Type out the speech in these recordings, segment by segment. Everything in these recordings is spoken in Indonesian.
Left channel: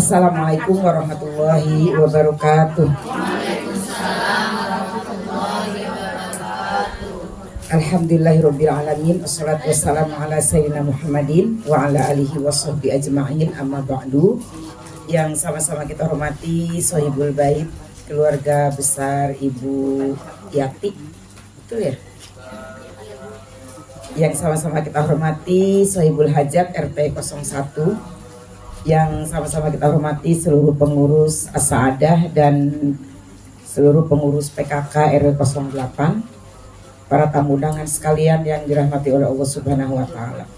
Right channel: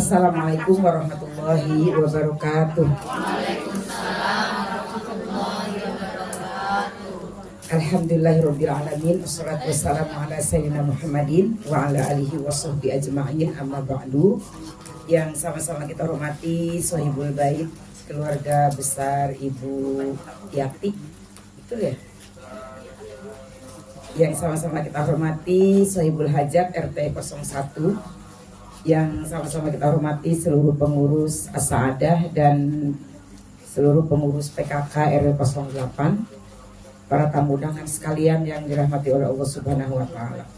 Assalamualaikum warahmatullahi wabarakatuh. Alhamdulillahirabbil alamin. Wassalatu wassalamu ala sayyidina Muhammadin wa ala alihi washabbihi ajma'in. Amma ba'du. Yang sama-sama kita hormati Sohibul Bait, keluarga besar Ibu Yati, itu ya. Yang sama-sama kita hormati Sohibul Hajat RT 01, yang sama-sama kita hormati seluruh pengurus As-Saadah dan seluruh pengurus PKK RW 08, para tamu undangan sekalian yang dirahmati oleh Allah Subhanahu wa taala.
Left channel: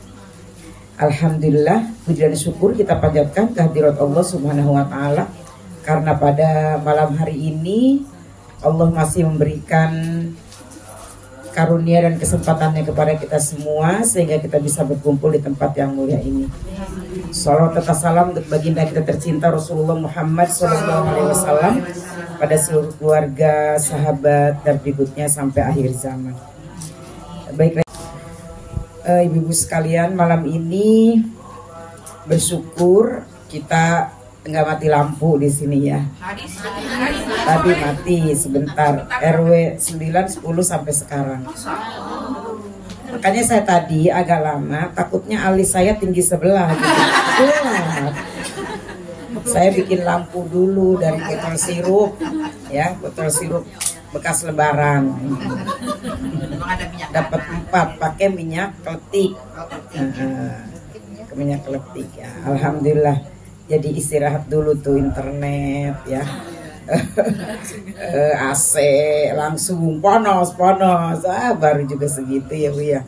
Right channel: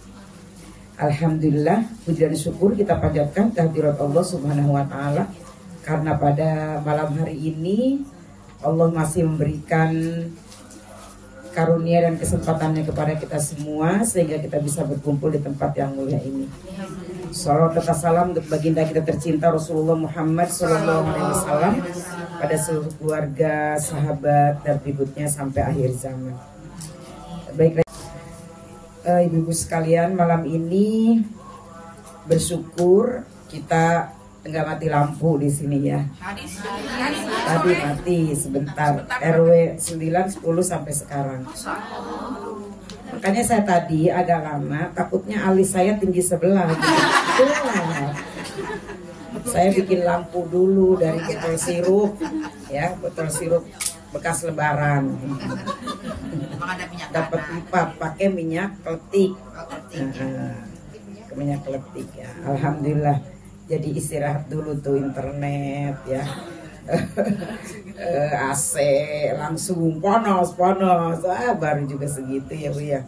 Alhamdulillah, puji dan syukur kita panjatkan kehadirat Allah Subhanahu wa taala karena pada malam hari ini Allah masih memberikan karunia dan kesempatannya kepada kita semua sehingga kita bisa berkumpul di tempat yang mulia ini. Salawat serta salam untuk baginda kita tercinta Rasulullah Muhammad SAW pada seluruh keluarga, sahabat dan berikutnya sampai akhir zaman. Baiklah, ibu-ibu sekalian, malam ini bersyukur kita nggak mati lampu di sini ya. Tadi mati sebentar, RW 9, 10 sampai sekarang. Makanya saya tadi agak lama, takutnya alis saya tinggi sebelah gitu. Saya bikin lampu dulu dari botol sirup, ya, botol sirup bekas lebaran. Dapat 4 pakai minyak kletik. Minyak kletik ya. Alhamdulillah. Jadi istirahat dulu tuh internet ya. AC langsung panas baru juga segitu ya Bu ya.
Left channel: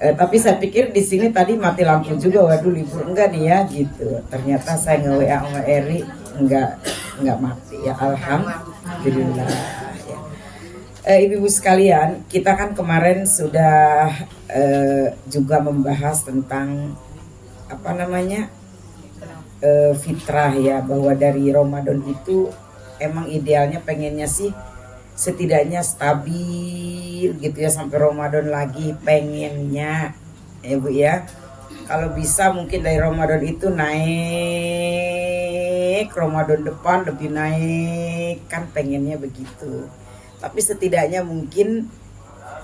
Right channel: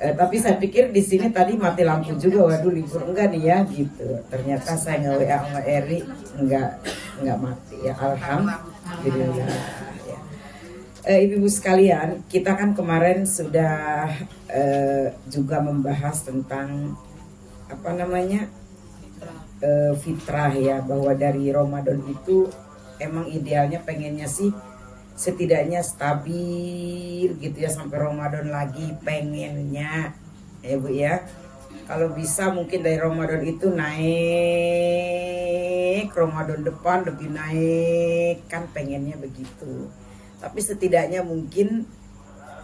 Tapi saya pikir di sini tadi mati lampu juga, waduh libur enggak nih ya gitu. Ternyata saya nge-WA sama Eri enggak mati ya, alhamdulillah ya. Ibu-ibu sekalian, kita kan kemarin sudah juga membahas tentang apa namanya fitrah ya, bahwa dari Ramadan itu emang idealnya pengennya sih setidaknya stabil gitu ya sampai Ramadan lagi, pengennya ya Bu ya. Kalau bisa mungkin dari Ramadan itu naik, Ramadan depan lebih naik, kan pengennya begitu. Tapi setidaknya mungkin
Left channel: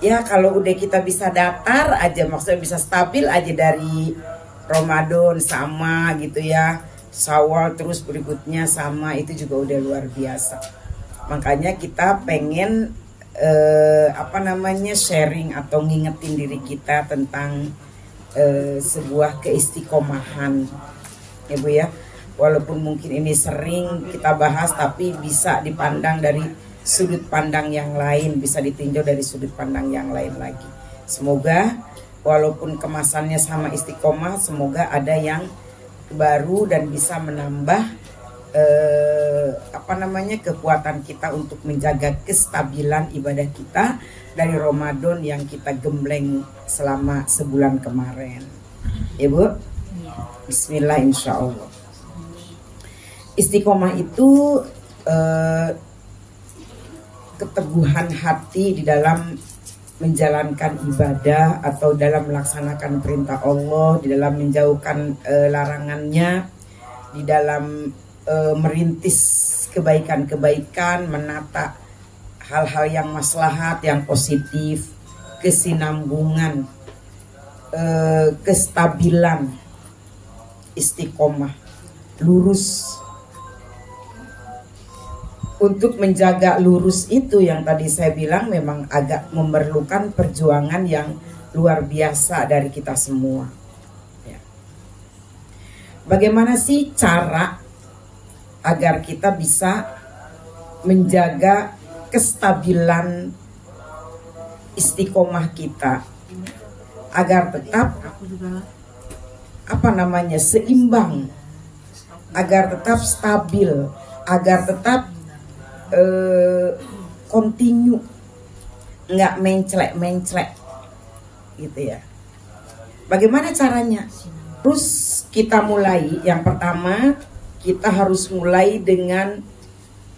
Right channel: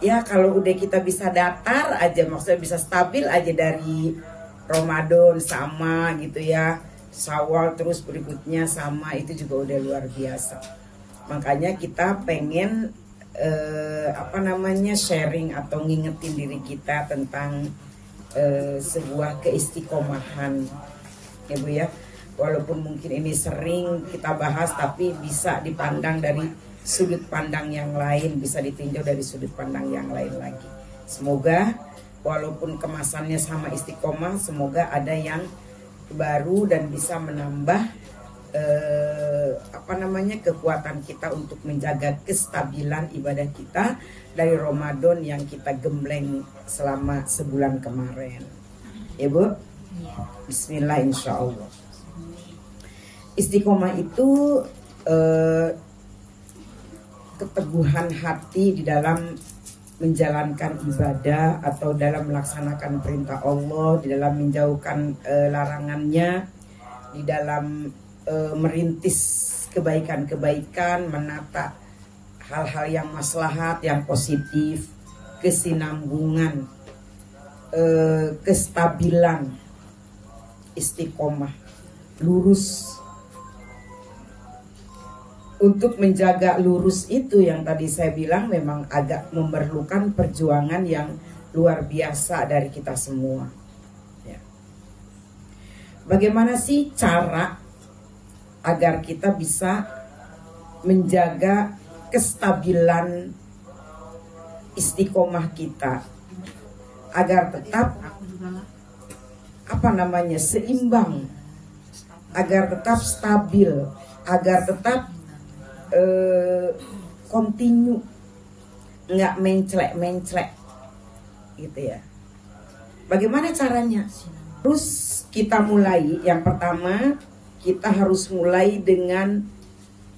ya kalau udah kita bisa datar aja, maksudnya bisa stabil aja dari Ramadan sama gitu ya, Syawal terus berikutnya sama, itu juga udah luar biasa. Makanya kita pengen sharing atau ngingetin diri kita tentang sebuah keistiqomahan ya Bu ya. Walaupun mungkin ini sering kita bahas, tapi bisa dipandang dari sudut pandang yang lain, bisa ditinjau dari sudut pandang yang lain lagi. Semoga walaupun kemasannya sama istiqomah, semoga ada yang baru dan bisa menambah kekuatan kita untuk menjaga kestabilan ibadah kita dari Ramadan yang kita gembleng selama sebulan kemarin. Ya Bu, Bismillah insya Allah. Istiqomah itu keteguhan hati di dalam menjalankan ibadah atau dalam melaksanakan perintah Allah, di dalam menjauhkan larangannya, di dalam merintis kebaikan-kebaikan, menata hal-hal yang maslahat, yang positif, kesinambungan, kestabilan, istiqomah, lurus. Untuk menjaga lurus itu yang tadi saya bilang memang agak memerlukan perjuangan yang luar biasa dari kita semua. Ya. Bagaimana sih cara agar kita bisa menjaga kestabilan istiqomah kita agar tetap seimbang, agar tetap stabil, agar tetap continue, nggak menclek gitu ya. Bagaimana caranya? Terus kita mulai, yang pertama kita harus mulai dengan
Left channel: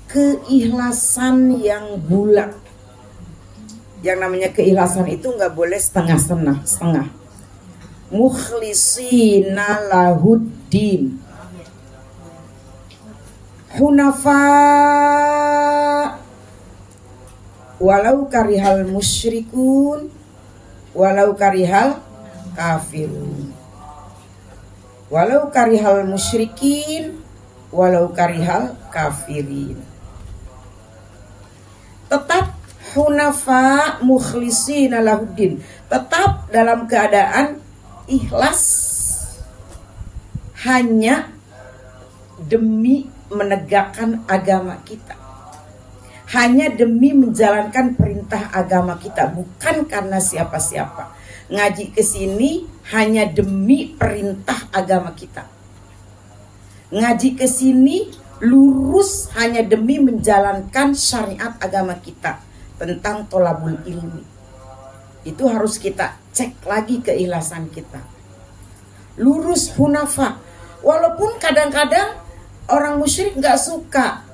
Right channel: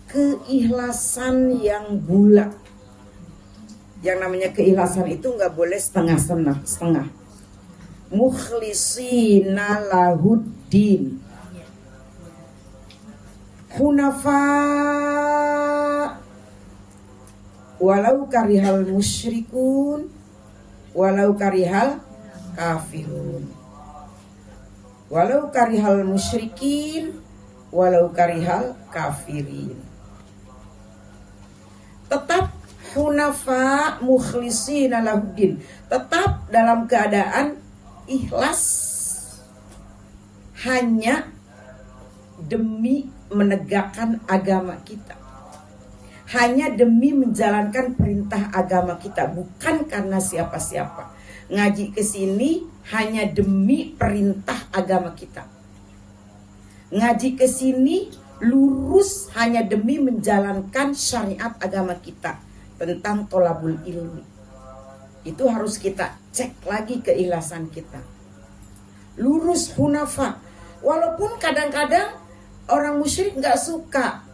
keikhlasan yang bulat. Yang namanya keikhlasan itu nggak boleh setengah. Mukhlisina lahuddin. hunafa walau karihal musyrikun walau karihal kafirun. Walau karihal musyrikin walau karihal kafirin. Tetap hunafa mukhlishina lahuddin, tetap dalam keadaan ikhlas hanya demi menegakkan agama kita, hanya demi menjalankan perintah agama kita, bukan karena siapa-siapa. Ngaji ke sini hanya demi perintah agama kita. Ngaji ke sini lurus hanya demi menjalankan syariat agama kita tentang tolabul ilmi. Itu harus kita cek lagi keikhlasan kita. Lurus hunafa. Walaupun kadang-kadang orang musyrik nggak suka.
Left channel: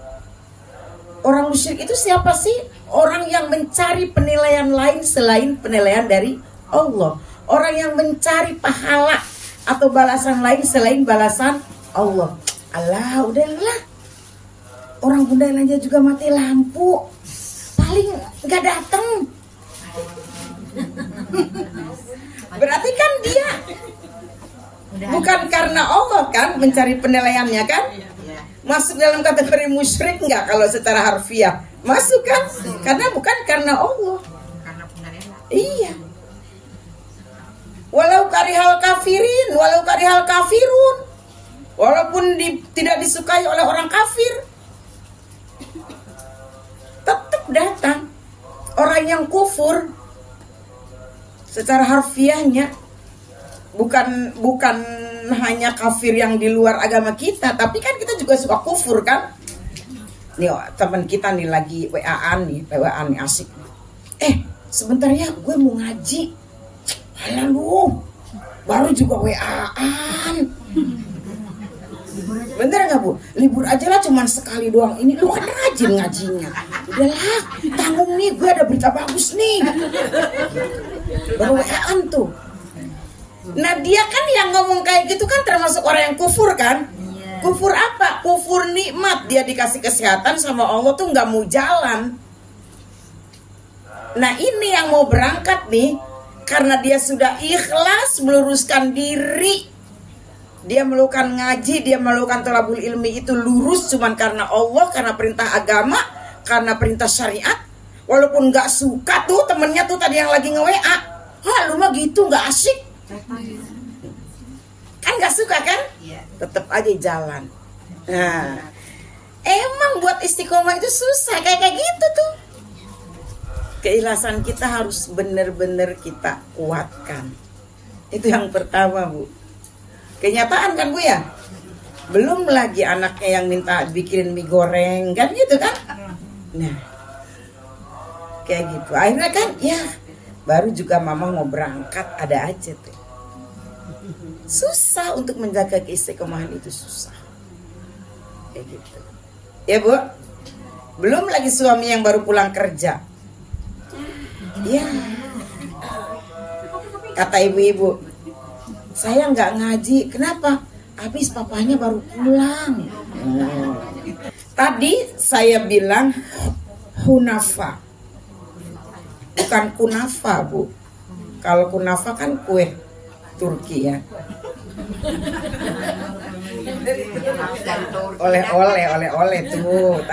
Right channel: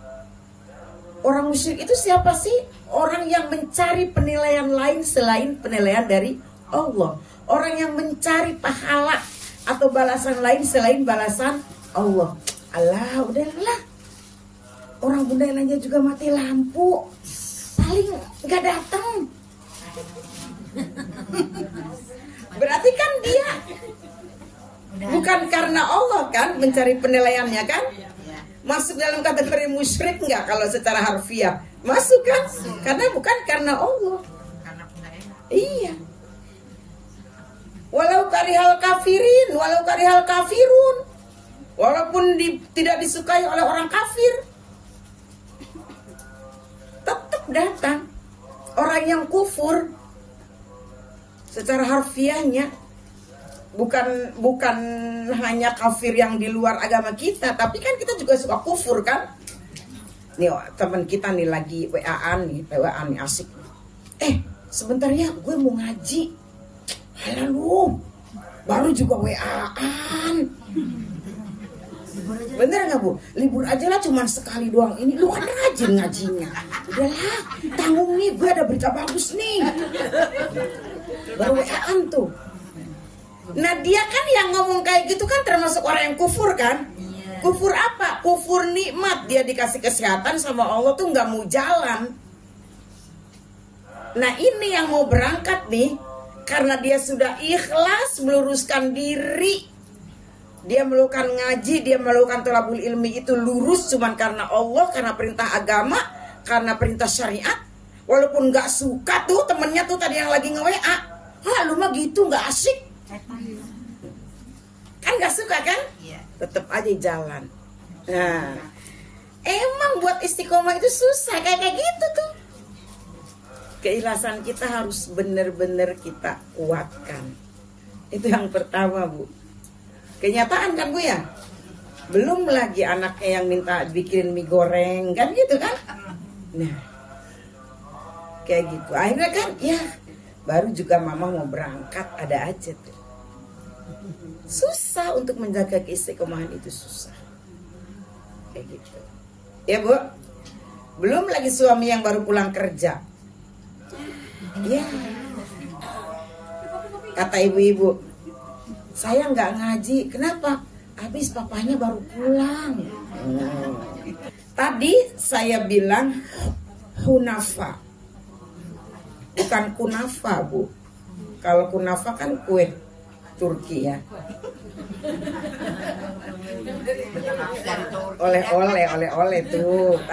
Orang musyrik itu siapa sih? Orang yang mencari penilaian lain selain penilaian dari Allah. Orang yang mencari pahala atau balasan lain selain balasan Allah. Allah, udahlah. Orang bunda lainnya juga mati lampu, paling nggak datang. Berarti kan dia bukan karena Allah kan mencari penilaiannya kan? Masuk dalam kategori musyrik nggak kalau secara harfiah? Masuk kan? Karena bukan karena Allah. Iya. Walau karihal kafirin, walau karihal kafirun, walaupun tidak disukai oleh orang kafir, tetap datang. Orang yang kufur secara harfiahnya bukan hanya kafir yang di luar agama kita, tapi kan kita juga suka kufur kan. Nih teman kita nih lagi WA-an nih asik. Sebentar ya, gue mau ngaji. Alah lu, baru juga WA-an. Bener gak Bu? Libur aja lah, cuman sekali doang. Ini lu kan rajin ngajinya. Udahlah, tanggung nih, gue ada berita bagus nih. Baru WA-an tuh. Nah dia kan yang ngomong kayak gitu kan termasuk orang yang kufur kan? Kufur apa? Kufur nikmat. Dia dikasih kesehatan sama Allah tuh gak mau jalan. Nah ini yang mau berangkat nih, karena dia sudah ikhlas meluruskan diri, dia melakukan ngaji, dia melakukan thalabul ilmi itu lurus cuman karena Allah, karena perintah agama, karena perintah syariat. Walaupun gak suka tuh temennya tuh tadi yang lagi nge-WA, lu mah gitu gak asik, kan gak suka kan? Tetap aja jalan. Nah emang buat istiqomah itu susah kayak gitu tuh. Keikhlasan kita harus benar-benar kita kuatkan. Itu yang pertama Bu. Kenyataan kan Bu ya. Belum lagi anaknya yang minta bikin mie goreng kan gitu kan. Nah kayak gitu. Akhirnya kan ya baru juga mama mau berangkat ada aja tuh. Susah untuk menjaga keistiqomahan itu susah. Kayak gitu. Ya Bu. Belum lagi suami yang baru pulang kerja. Ya, kata ibu-ibu, saya nggak ngaji. Kenapa? Habis papanya baru pulang. Tadi saya bilang hunafa, bukan kunafa Bu. Kalau kunafa kan kue Turki ya. Oleh-oleh tuh,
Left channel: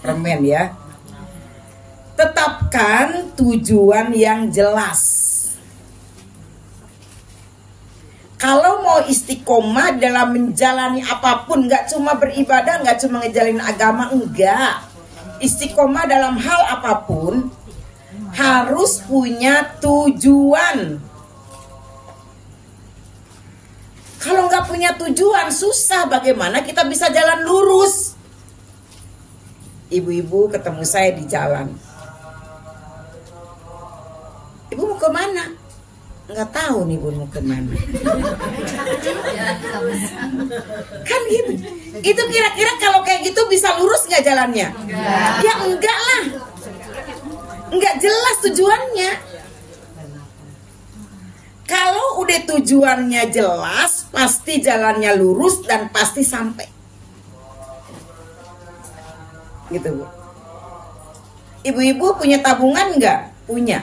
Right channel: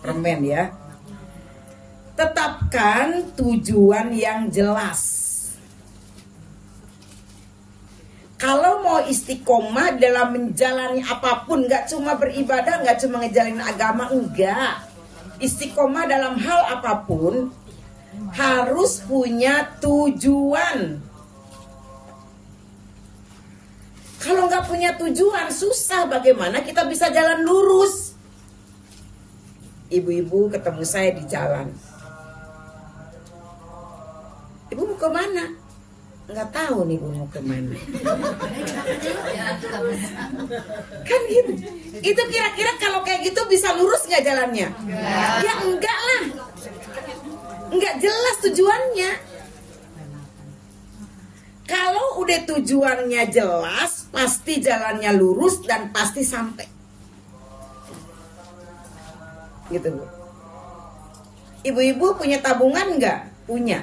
permen ya. Tetapkan tujuan yang jelas. Kalau mau istiqomah dalam menjalani apapun, nggak cuma beribadah, nggak cuma ngejalin agama, enggak. Istiqomah dalam hal apapun harus punya tujuan. Kalau nggak punya tujuan, susah bagaimana kita bisa jalan lurus. Ibu-ibu ketemu saya di jalan. Ibu mau kemana? Nggak tahu nih ibu mau kemana. Kan gitu. Itu kira-kira kalau kayak gitu bisa lurus nggak jalannya? Ya enggak lah. Nggak jelas tujuannya. Kalau udah tujuannya jelas, pasti jalannya lurus dan pasti sampai. gitu Bu. Ibu-ibu punya tabungan nggak? Punya.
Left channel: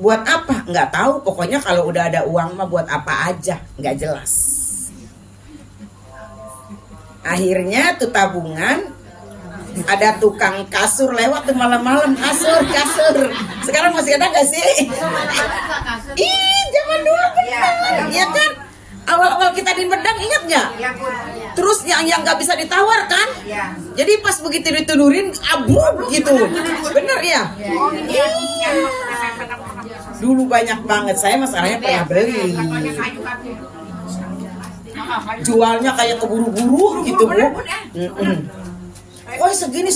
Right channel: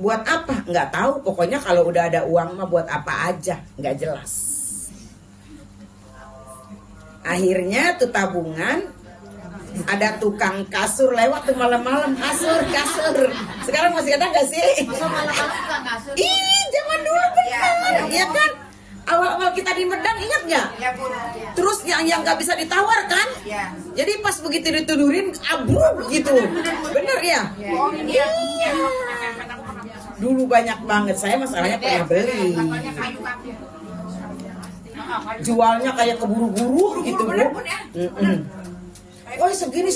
Buat apa? Nggak tahu. Pokoknya kalau udah ada uang mah buat apa aja, nggak jelas. Akhirnya tuh tabungan, ada tukang kasur lewat tuh malam-malam, kasur. Sekarang masih ada nggak sih? Ih, zaman dulu benar, ya kan? Awal-awal kita di Medang ingat nggak? Terus yang nggak bisa ditawar kan? Jadi pas begitu ditudurin abruk gitu, bener ya? Iya. Dulu banyak banget, saya masalahnya pernah beli. Jualnya kayak keburu-buru gitu Bu. Oh segini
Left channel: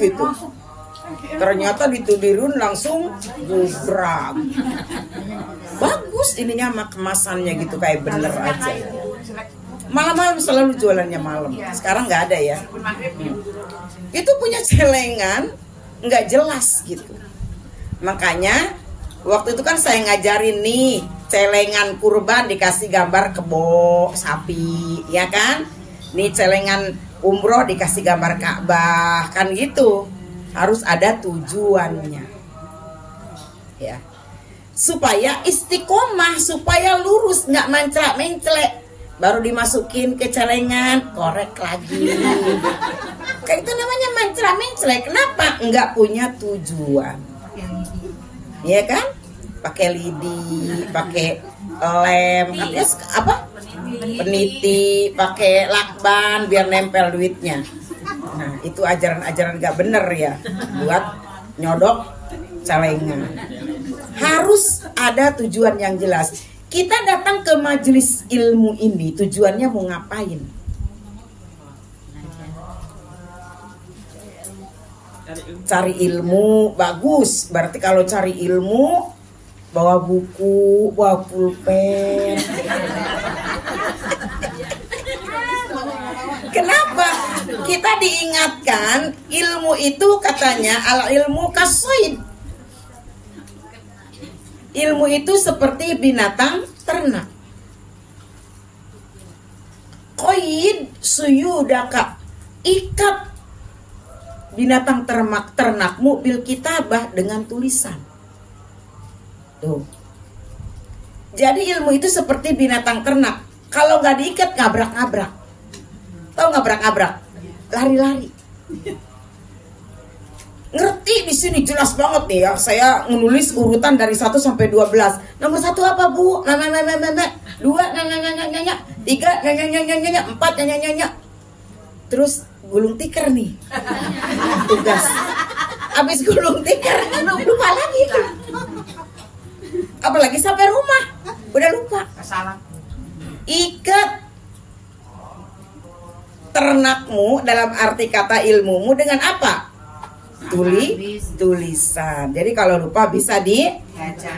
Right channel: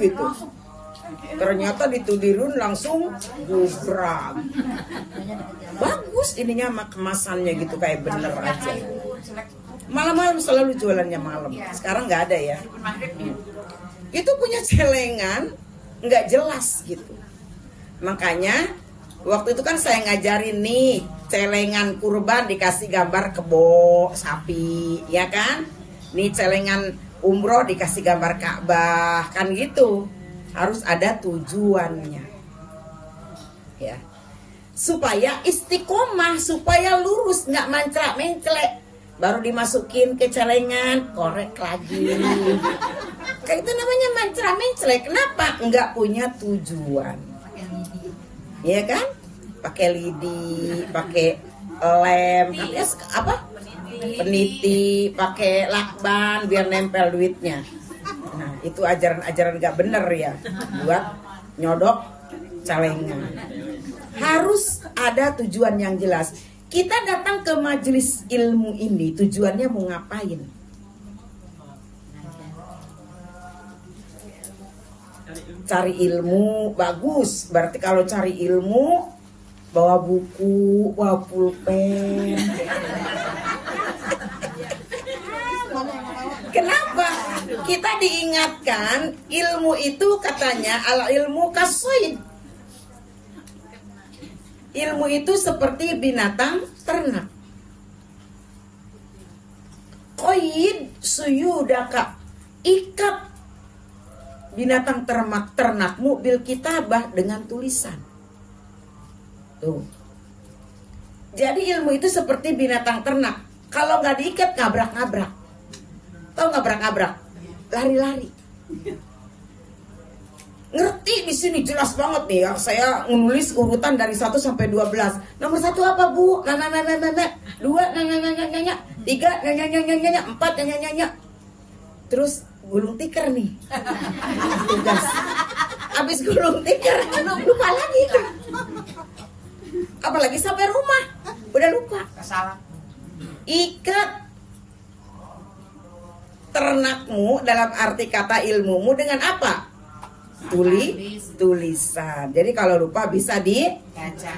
gitu. Ternyata ditudurin langsung gubrak. Bagus ininya sama kemasannya gitu kayak bener aja. Malam-malam selalu jualannya malam. Sekarang nggak ada ya. Itu punya celengan nggak jelas gitu. Makanya waktu itu kan saya ngajarin nih celengan kurban dikasih gambar kebo sapi, ya kan? Nih celengan umroh dikasih gambar Ka'bah, kan gitu. Harus ada tujuannya, ya. Supaya istiqomah, supaya lurus, nggak manclak-menclek. Baru dimasukin ke celengan, korek lagi. Kayak itu namanya manclak-menclek. Kenapa? Nggak punya tujuan. Ya kan? Pakai lidi, pakai lem, apa? Peniti, pakai lakban biar nempel duitnya. Nah, itu ajaran-ajaran gak bener ya buat nyodok celengan. Harus ada tujuan yang jelas. Kita datang ke majelis ilmu ini tujuannya mau ngapain? Cari ilmu, bagus. Berarti kalau cari ilmu bawa buku, bawa pulpen. Kenapa? Kita diingatkan ilmu itu katanya al ilmu kasoid. Ilmu itu seperti binatang ternak. Qaid suyudaka, ikat binatang ternakmu bil kitabah dengan tulisan. Tuh. Jadi ilmu itu seperti binatang ternak. Kalau nggak diikat ngabrak-ngabrak. Tahu ngabrak-ngabrak? Lari-lari. Ngerti di sini jelas banget nih ya. Saya menulis urutan dari 1 sampai 12. Nomor 1 apa, Bu? 2 nanya. 3 nanya. 4 nanya. Terus gulung tikar nih. Tugas. Habis gulung tikar lupa lagi. Apalagi sampai rumah udah lupa. Ikat ternakmu dalam arti kata ilmumu dengan apa? Tulisan. Jadi kalau lupa bisa dibaca.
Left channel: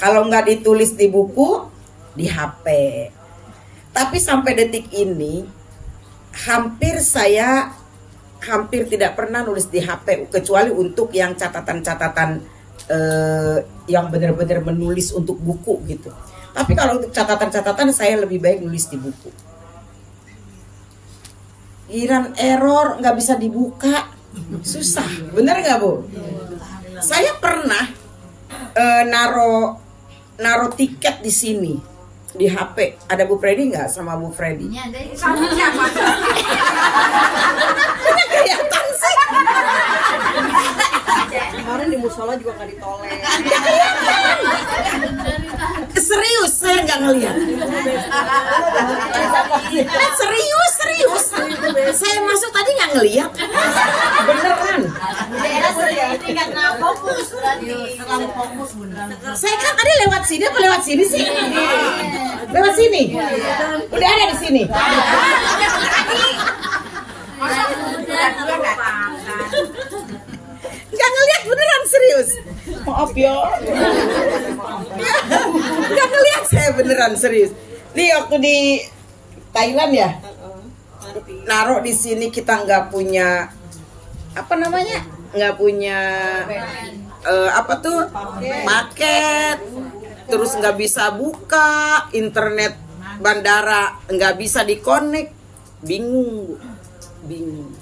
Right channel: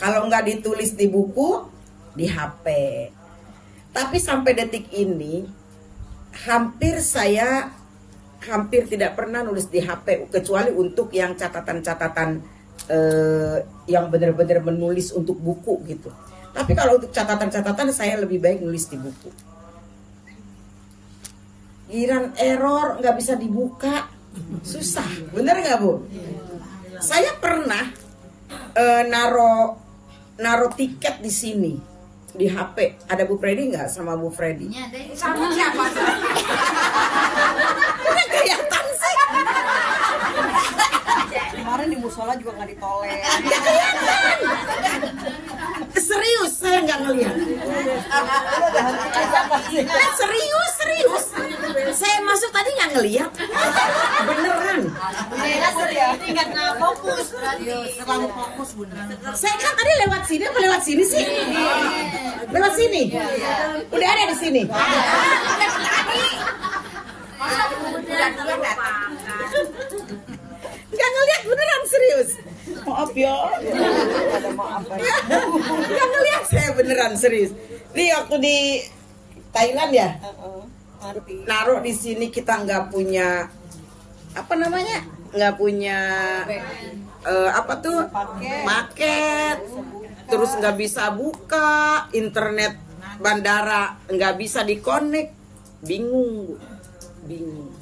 Kalau nggak ditulis di buku, di HP. Tapi sampai detik ini saya hampir tidak pernah nulis di HP kecuali untuk yang catatan-catatan yang benar-benar menulis untuk buku gitu. Tapi kalau untuk catatan-catatan saya lebih baik nulis di buku. Giran error nggak bisa dibuka, susah, bener nggak Bu? Saya pernah naro tiket di sini di HP. Ada Bu Freddy nggak sama Bu Freddy? Sama siapa? Udah kelihatan sih. Kemarin di musola juga nggak ditoleh. Serius saya nggak ngeliat. Serius. Saya masuk tadi nggak ngeliat. Beneran. Ini karena fokus berarti. Terlalu fokus benar. Saya kan tadi lewat sini apa lewat sini sih? Lewat sini. Udah ada di sini. Masa udah nggak? Jangan lihat beneran serius. Maaf ya. Jangan lihat saya beneran serius. Di waktu di Thailand ya. Naruh di sini kita nggak punya apa namanya? Nggak punya apa tuh? Paket. Terus nggak bisa buka internet bandara, nggak bisa dikonek. Bingung. bingung.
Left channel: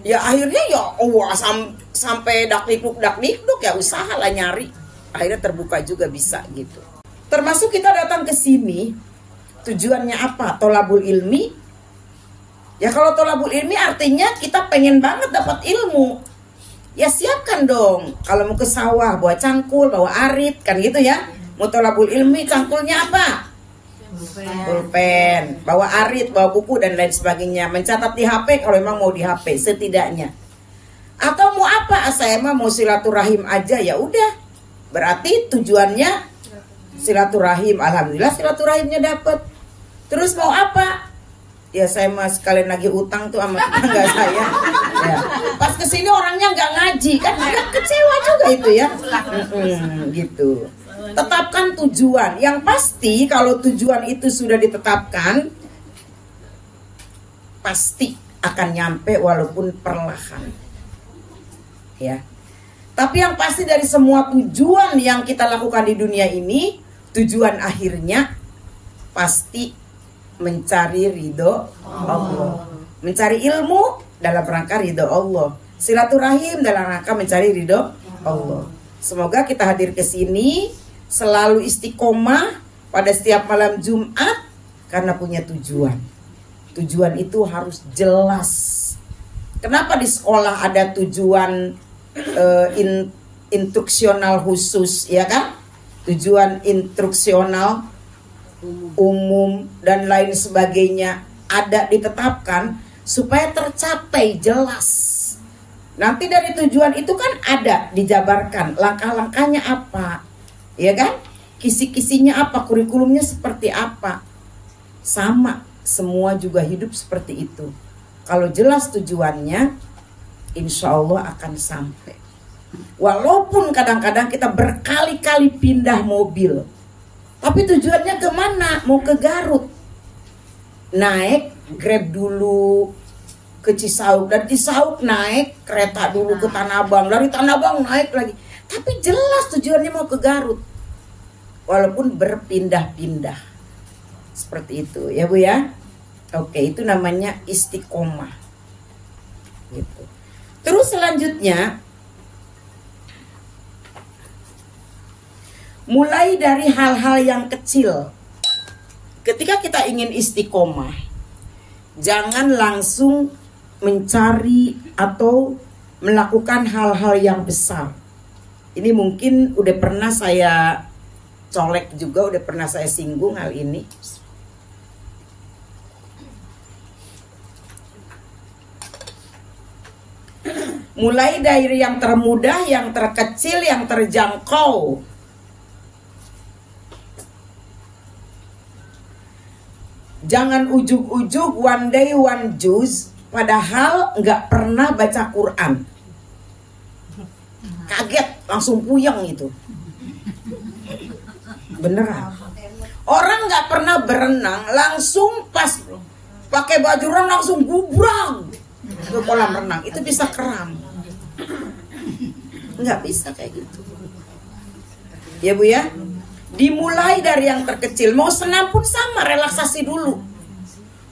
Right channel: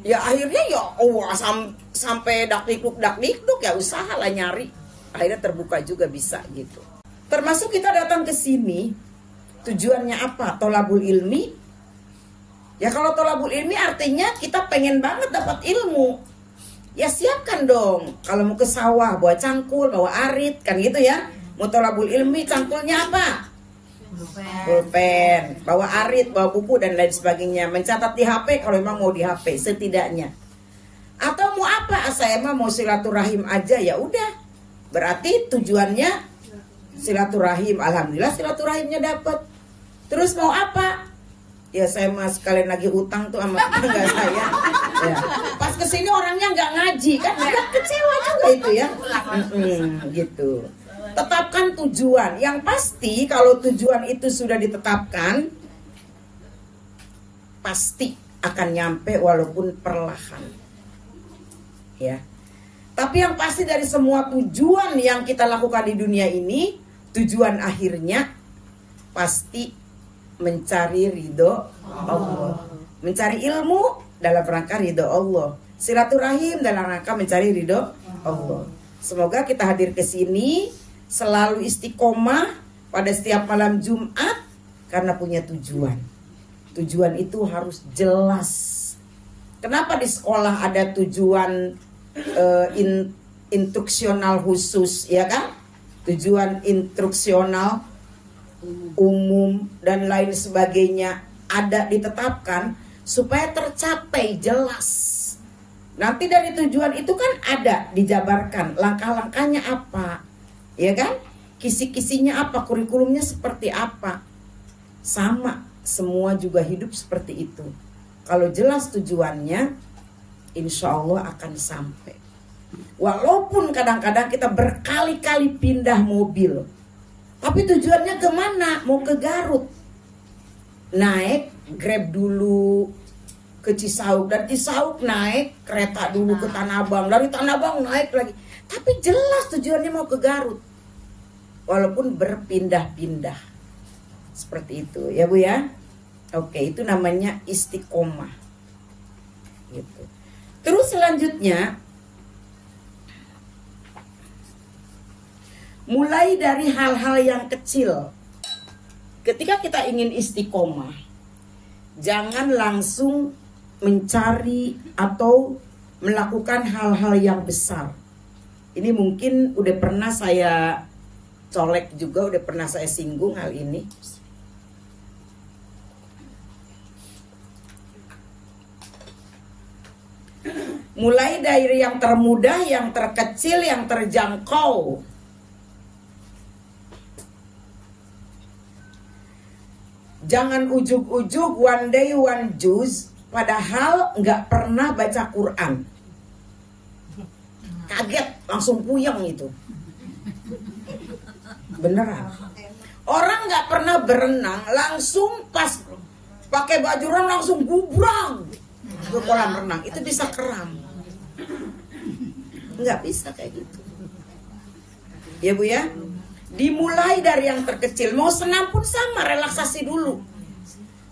Ya akhirnya ya sampai dakdikduk ya usaha lah nyari. Akhirnya terbuka juga bisa gitu. Termasuk kita datang ke sini tujuannya apa? Tolabul ilmi. Ya kalau tolabul ilmi artinya kita pengen banget dapat ilmu. Ya siapkan dong. Kalau mau ke sawah bawa cangkul, bawa arit kan gitu ya. Mau tolabul ilmi cangkulnya apa? Pulpen, bawa arit, bawa buku dan lain sebagainya. Mencatat di HP kalau memang mau di HP setidaknya. Atau mau apa? Saya mah mau silaturahim aja ya udah. Berarti tujuannya silaturahim. Alhamdulillah silaturahimnya dapat. Terus mau apa? Ya saya mah sekalian lagi utang tuh sama tetangga saya. Ya. Pas kesini orangnya nggak ngaji kan agak kecewa juga itu ya. Gitu. Tetapkan tujuan. Yang pasti kalau tujuan itu sudah ditetapkan, pasti akan nyampe walaupun perlahan. Ya. Tapi yang pasti dari semua tujuan yang kita lakukan di dunia ini, tujuan akhirnya pasti mencari ridho Allah. Mencari ilmu dalam rangka ridho Allah. Silaturahim dalam rangka mencari ridho Allah. Semoga kita hadir ke sini selalu istiqomah pada setiap malam Jumat karena punya tujuan. Tujuan itu harus jelas. Kenapa di sekolah ada tujuan instruksional khusus, ya kan? Tujuan instruksional umum dan lain sebagainya ada ditetapkan supaya tercapai jelas. Nanti dari tujuan itu kan ada dijabarkan langkah-langkahnya apa, ya kan? Kisi-kisinya apa, kurikulumnya seperti apa. Sama, semua juga hidup seperti itu. Kalau jelas tujuannya, insya Allah akan sampai. Walaupun kadang-kadang kita berkali-kali pindah mobil, tapi tujuannya kemana? Mau ke Garut. Naik Grab dulu ke Cisauk, dan Cisauk naik kereta dulu ke Tanah Abang, dari Tanah Abang naik lagi. Tapi jelas tujuannya mau ke Garut. Walaupun berpindah-pindah. Seperti itu ya Bu ya. Oke, itu namanya istiqomah. Gitu. Terus selanjutnya, mulai dari hal-hal yang kecil. Ketika kita ingin istiqomah, jangan langsung mencari atau melakukan hal-hal yang besar. Ini mungkin udah pernah saya colek juga, udah pernah saya singgung hal ini. Mulai dari yang termudah, yang terkecil, yang terjangkau. Jangan ujug-ujug one day one juz, padahal nggak pernah baca Quran. Kaget, langsung puyeng itu. Beneran. Orang nggak pernah berenang, langsung pas pakai baju renang langsung gubrang ke kolam renang. Itu bisa kram. Nggak bisa kayak gitu. Ya Bu ya. Dimulai dari yang terkecil. Mau senam pun sama, relaksasi dulu.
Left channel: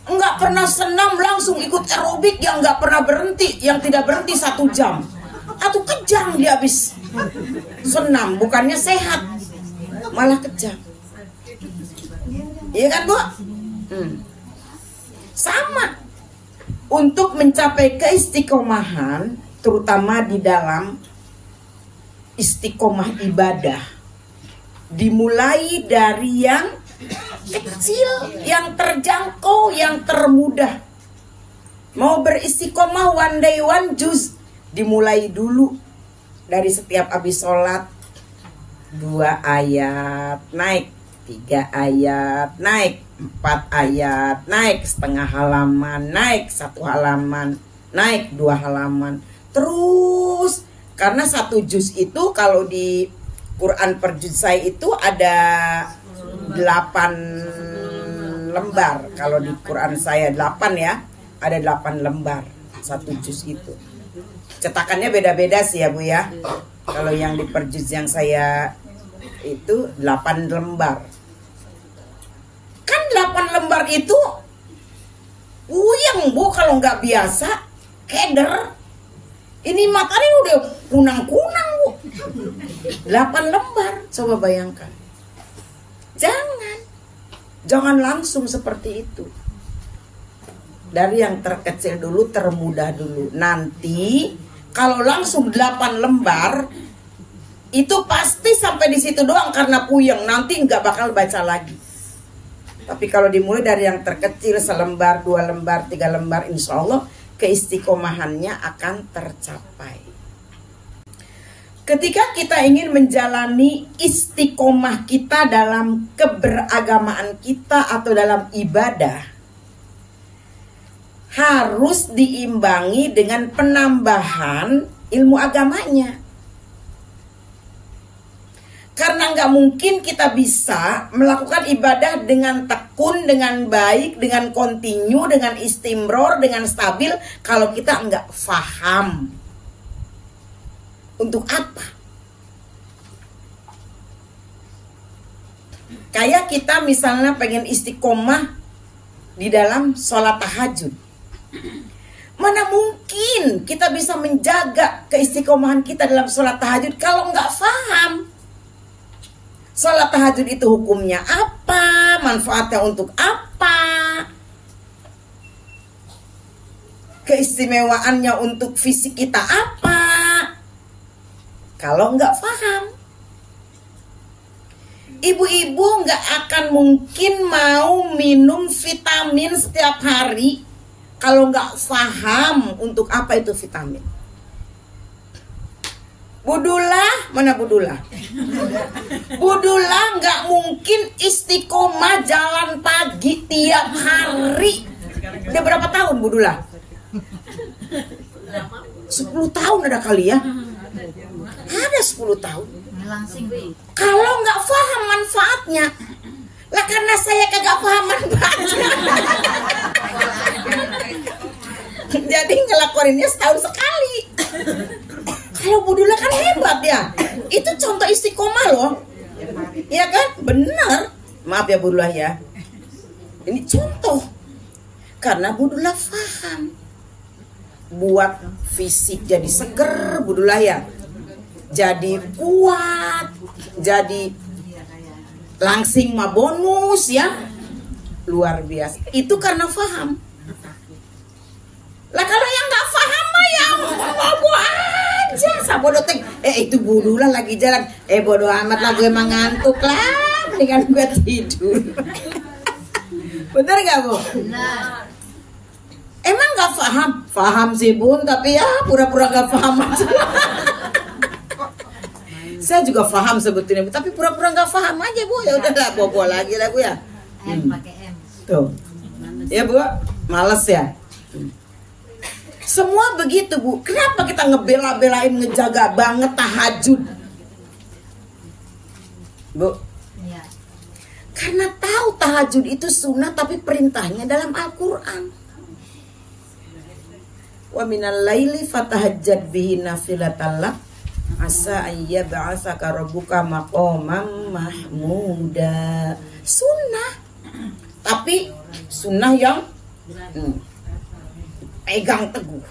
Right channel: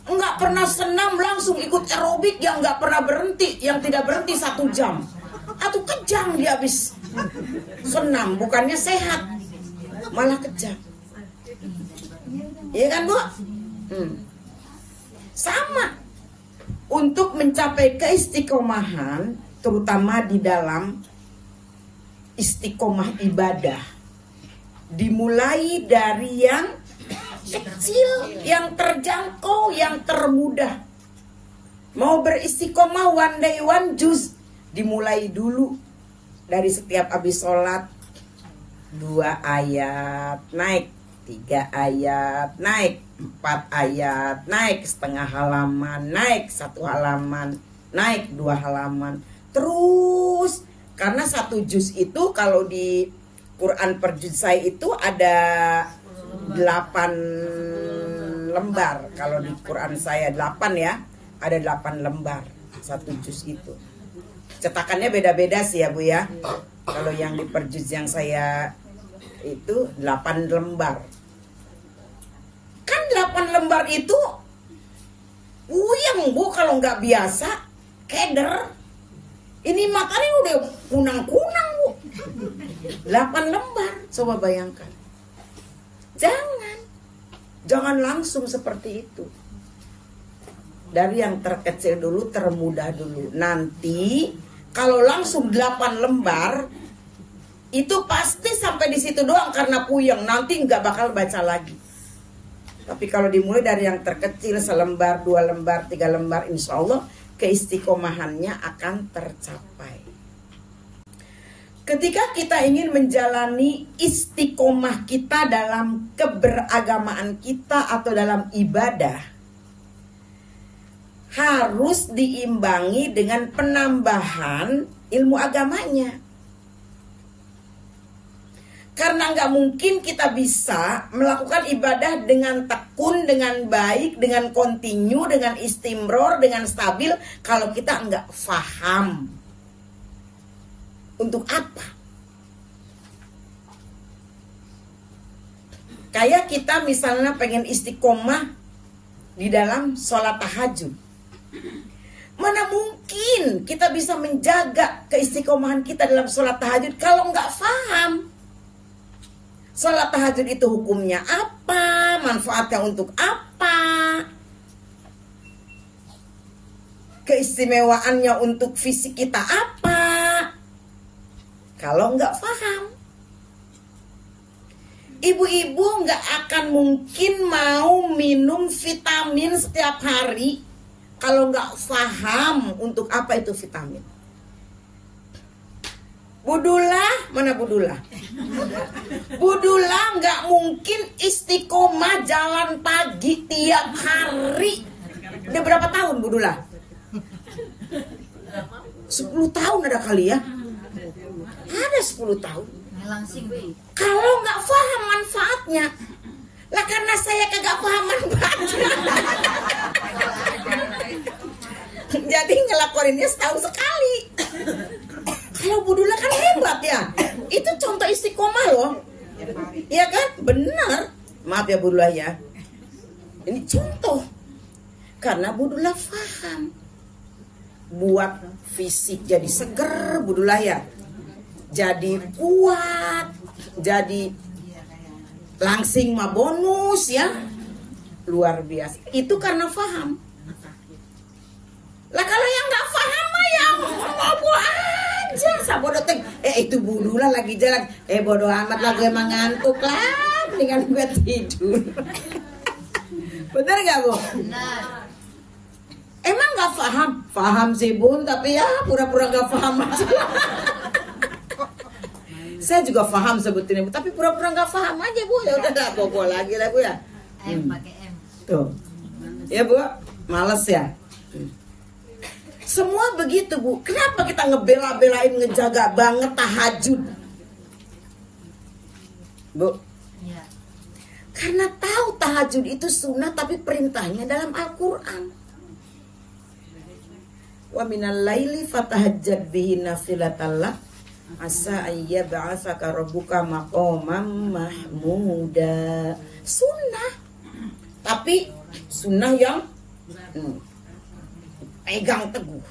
Nggak pernah senam langsung ikut aerobik yang nggak pernah berhenti, yang tidak berhenti 1 jam. Atau kejang dia habis senam, bukannya sehat, malah kejang. Iya kan Bu? Sama. Untuk mencapai keistiqomahan, terutama di dalam istiqomah ibadah, dimulai dari yang kecil, yang terjangkau, yang termudah. Mau beristiqomah one day one juz, dimulai dulu dari setiap habis sholat 2 ayat, naik 3 ayat, naik 4 ayat, naik setengah halaman, naik 1 halaman, naik 2 halaman. Terus karena 1 juz itu kalau di Quran per juz saya itu ada 8 lembar. Kalau di Quran saya 8 ya, ada 8 lembar 1 juz itu. Cetakannya beda-beda sih ya Bu ya. Kalau yang di per juz yang saya itu 8 lembar. Kan 8 lembar itu puyeng Bu kalau nggak biasa, keder. Ini matanya udah kunang-kunang Bu. 8 lembar, coba bayangkan. Jangan langsung seperti itu. Dari yang terkecil dulu, termudah dulu. Nanti kalau langsung 8 lembar, itu pasti sampai di situ doang karena puyeng. Nanti nggak bakal baca lagi. Tapi kalau dimulai dari yang terkecil, selembar, 2 lembar, 3 lembar, insya Allah keistiqomahannya akan tercapai. Ketika kita ingin menjalani istiqomah kita dalam keberagamaan kita atau dalam ibadah, harus diimbangi dengan penambahan ilmu agamanya. Karena nggak mungkin kita bisa melakukan ibadah dengan tekun, dengan baik, dengan kontinu, dengan istimror, dengan stabil kalau kita nggak paham. Untuk apa? Kayak kita misalnya pengen istiqomah di dalam sholat tahajud. Mana mungkin kita bisa menjaga keistiqomahan kita dalam sholat tahajud kalau nggak paham. Sholat tahajud itu hukumnya apa? Manfaatnya untuk apa? Keistimewaannya untuk fisik kita apa? Kalau nggak paham, ibu-ibu nggak akan mungkin mau minum vitamin setiap hari kalau nggak paham untuk apa itu vitamin. Budullah, mana Budullah? Budullah nggak mungkin istiqomah jalan pagi tiap hari. Udah berapa tahun Budullah? 10 tahun ada kali ya? Ada 10 tahun. Kalau nggak paham manfaatnya, lah karena saya kagak paham manfaatnya. Jadi ngelakorinnya setahun sekali. Kalau Budullah kan hebat ya. Itu contoh istiqomah loh. Ya kan? Benar. Maaf ya Budullah ya. Ini contoh. Karena Budullah paham. Buat fisik jadi seger Budullah ya. Jadi kuat. Jadi langsing mah bonus ya. Luar biasa. Itu karena paham. Lah kalau yang nggak paham mah yang bobo aja. Sabodo ting. Itu Budullah lagi jalan. Bodo amat lah, gue emang ngantuk lah. Dengan gue tidur. Bener nggak Bu? Benar. Emang nggak paham? Paham sih Bun, tapi ya pura-pura nggak paham aja. Saya juga paham sebetulnya, Bu, tapi pura-pura nggak paham aja Bu. Ya udah nggak bobo lagi lah Bu ya. Pakai M. Tuh. Ya Bu, males ya. Semua begitu Bu. Kenapa kita ngebela-belain ngejaga banget tahajud? Bu. Iya. Karena tahu tahajud itu sunnah tapi perintahnya dalam Al-Quran. Wa minal laili fatahajjad bihi nafilatan lak asa ayyab'atsaka rabbuka maqaman mahmuda. Sunnah. Tapi sunnah yang pegang teguh.